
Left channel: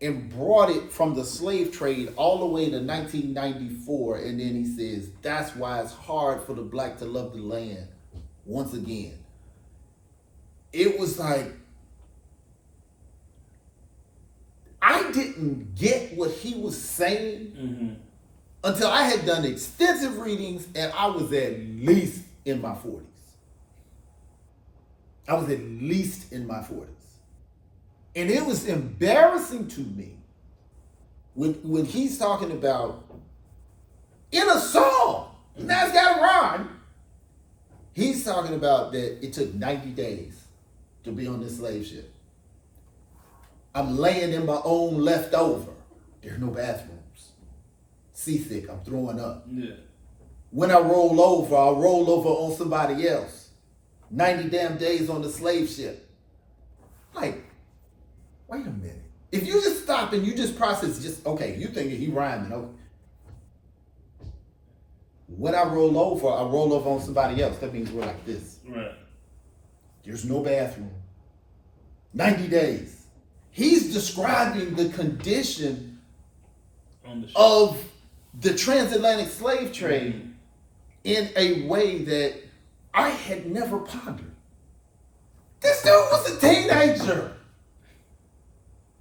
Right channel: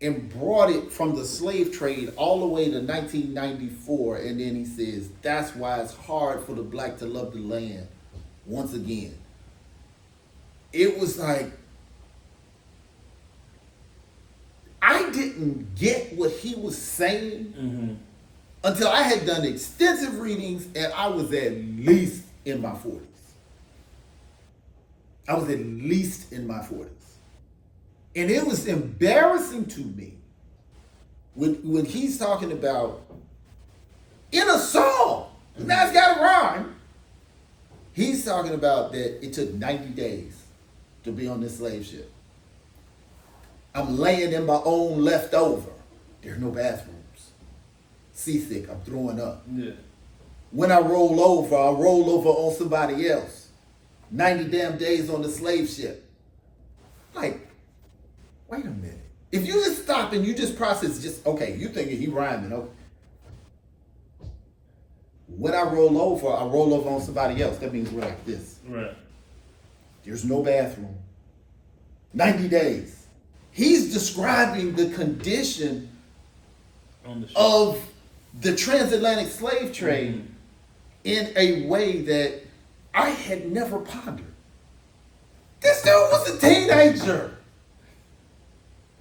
and brought it from the slave trade all the way to 1994. And then he says, that's why it's hard for the black to love the land once again. It was like, I didn't get what he was saying until I had done extensive readings and I was at least in my 40s. I was at least in my 40s. And it was embarrassing to me when he's talking about, in a song, now it's got a rhyme, he's talking about that it took 90 days to be on this slave ship. I'm laying in my own leftover. There's no bathrooms. Seasick, I'm throwing up. Yeah. When I roll over on somebody else. 90 damn days on the slave ship. Like, wait a minute. If you just stop and you just process, okay, you thinking he rhyming, okay. When I roll over on somebody else. That means we're like this. Right. There's no bathroom. 90 days. He's describing the condition of the transatlantic slave trade in a way that I had never pondered. This dude was a teenager.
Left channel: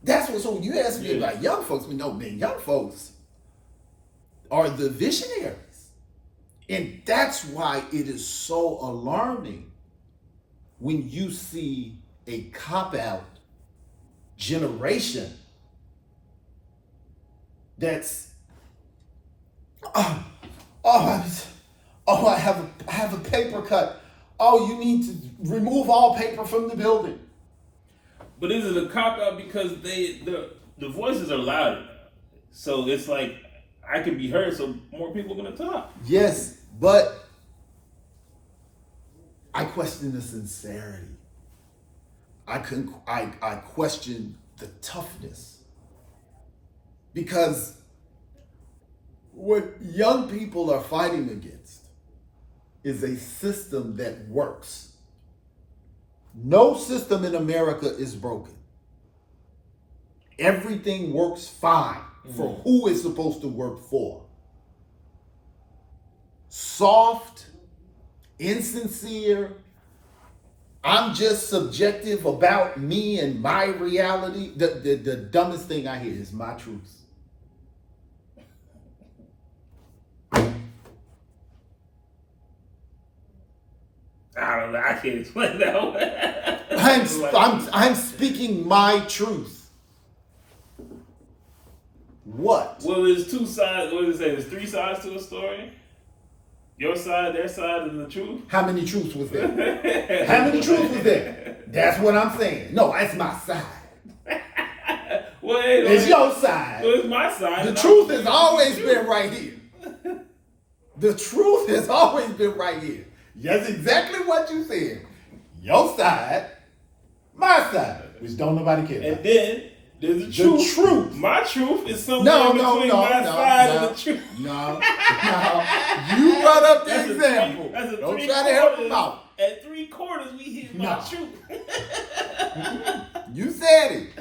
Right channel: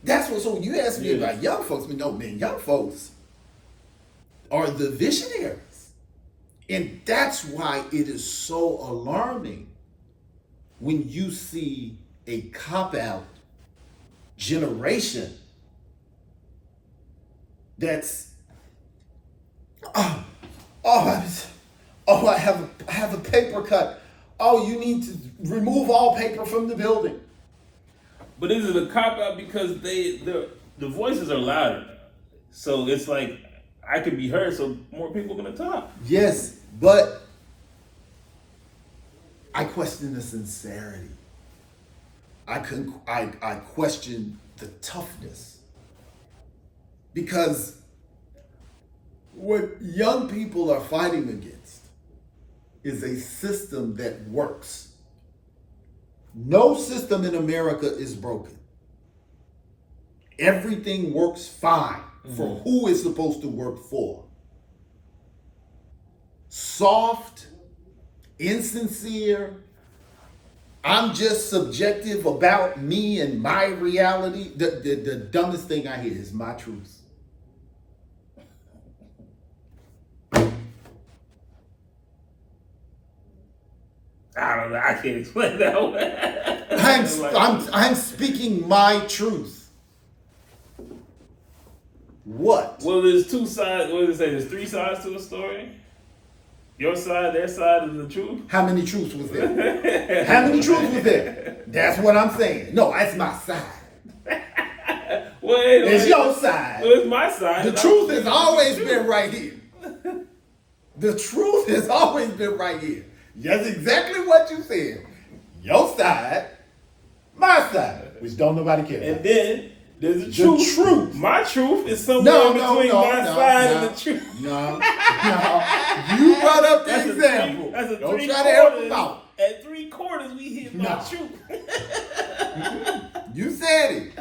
That's what, so when you ask me about young folks, young folks are the visionaries. And that's why it is so alarming when you see a cop-out generation that's, I have a paper cut. Oh, you need to remove all paper from the building. But is it a cop-out because the voices are louder? So it's like, I can be heard, so more people are going to talk. Yes, but I question the sincerity. I question the toughness. Because what young people are fighting against is a system that works. No system in America is broken. Everything works fine for who it's supposed to work for. Soft, insincere, I'm just subjective about me and my reality. The dumbest thing I hear is my truth. I don't know. I can't explain that one. I'm speaking my truth. What? Well, there's two sides. What did it say? There's three sides to the story. Your side, their side, and the truth. How many truths was there? How many truths was there? That's what I'm saying. No, that's my side. It's your side. Well, it's my side. The truth has always been right here. The truth has always been right here. That's exactly what you said. Your side, my side, which don't nobody care about. And then there's the truth. My truth is somewhere between my side and the truth. No. You brought up the example. Don't try to help him out. At 3/4, we hit my truth. You said it.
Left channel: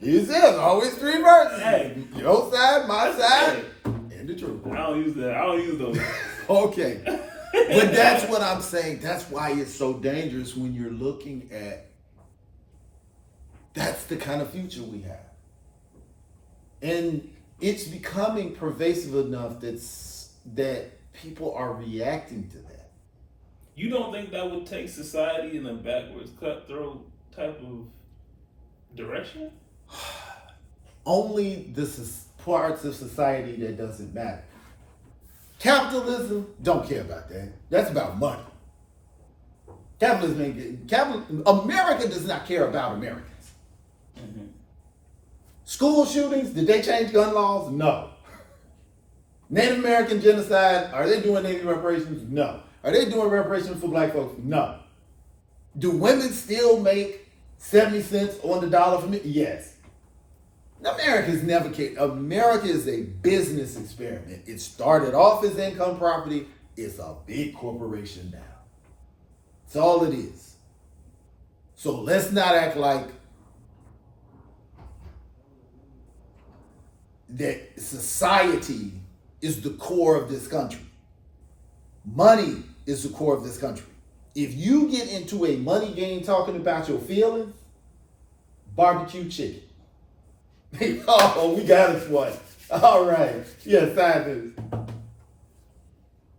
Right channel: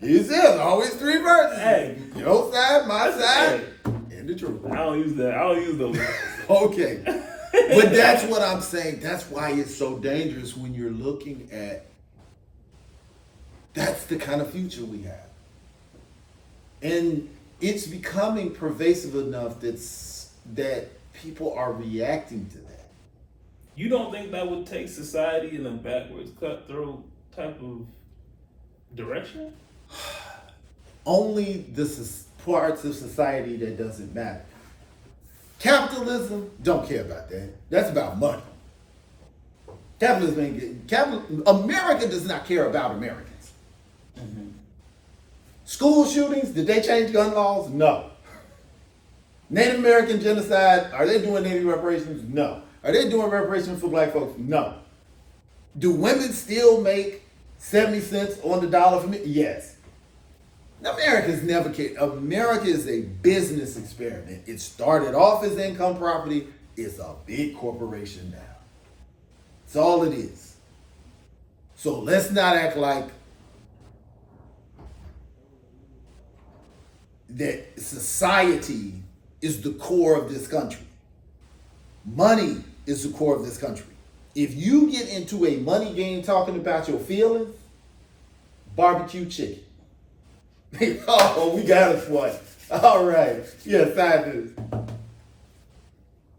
You said it. Always three verses. Hey. Your side, my side, and the truth. I don't use that. I don't use those. Okay. But that's what I'm saying. That's why it's so dangerous when you're looking at. That's the kind of future we have. And it's becoming pervasive enough that people are reacting to that. You don't think that would take society in a backwards, cutthroat type of direction? Only the parts of society that doesn't matter. Capitalism don't care about that. That's about money. Capitalism ain't good. America does not care about Americans. Mm-hmm. School shootings, did they change gun laws? No. Native American genocide, are they doing Native reparations? No. Are they doing reparations for black folks? No. Do women still make 70 cents on the dollar for me? Yes. America's never cared. America is a business experiment. It started off as income property. It's a big corporation now. That's all it is. So let's not act like that society is the core of this country. Money is the core of this country. If you get into a money game talking about your feelings, barbecue chicken. Oh, we got us one. All right. Yes, I do.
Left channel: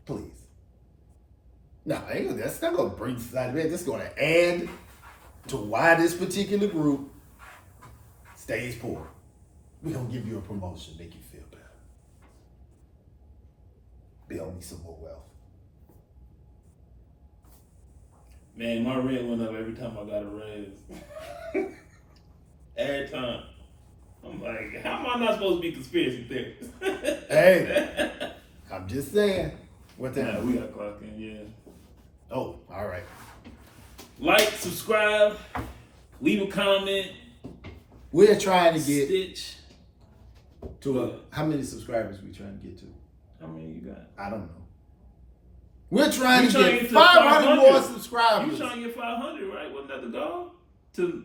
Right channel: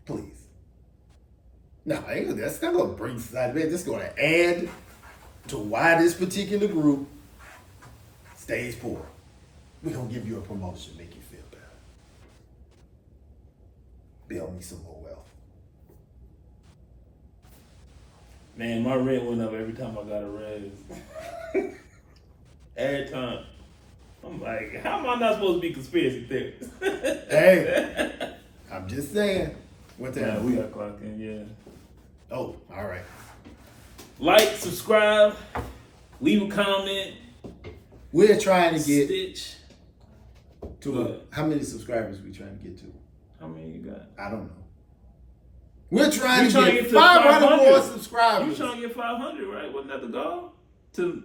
Please. No, that's not going to bring society. That's going to add to why this particular group stays poor. We're going to give you a promotion, make you feel better. Build me some more wealth. Man, my rent went up every time I got a raise. Every time. I'm like, how am I not supposed to be conspiracy theorist? Hey, I'm just saying. What the hell? We got clock in, yeah. Oh, all right. Like, subscribe, leave a comment. We're trying to get Stitch. how many subscribers we trying to get to? How many you got? I don't know. We're trying to get to 500 more 500. subscribers. You trying to get 500, right? Wasn't that the goal? To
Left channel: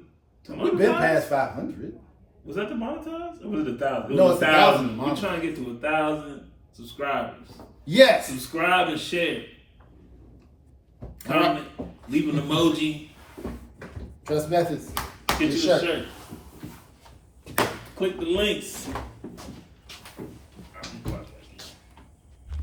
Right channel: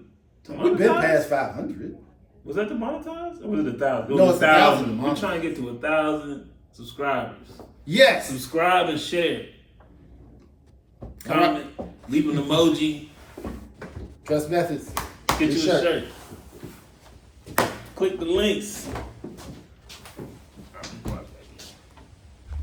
We've been monetize? past 500. Was that the monetize? Or was it 1,000? No, was it's 1,000 We're trying to get to 1,000 subscribers. Yes. Subscribe and share. Comment. Leave an emoji. Trust methods. Get Your you a shirt. Click the links.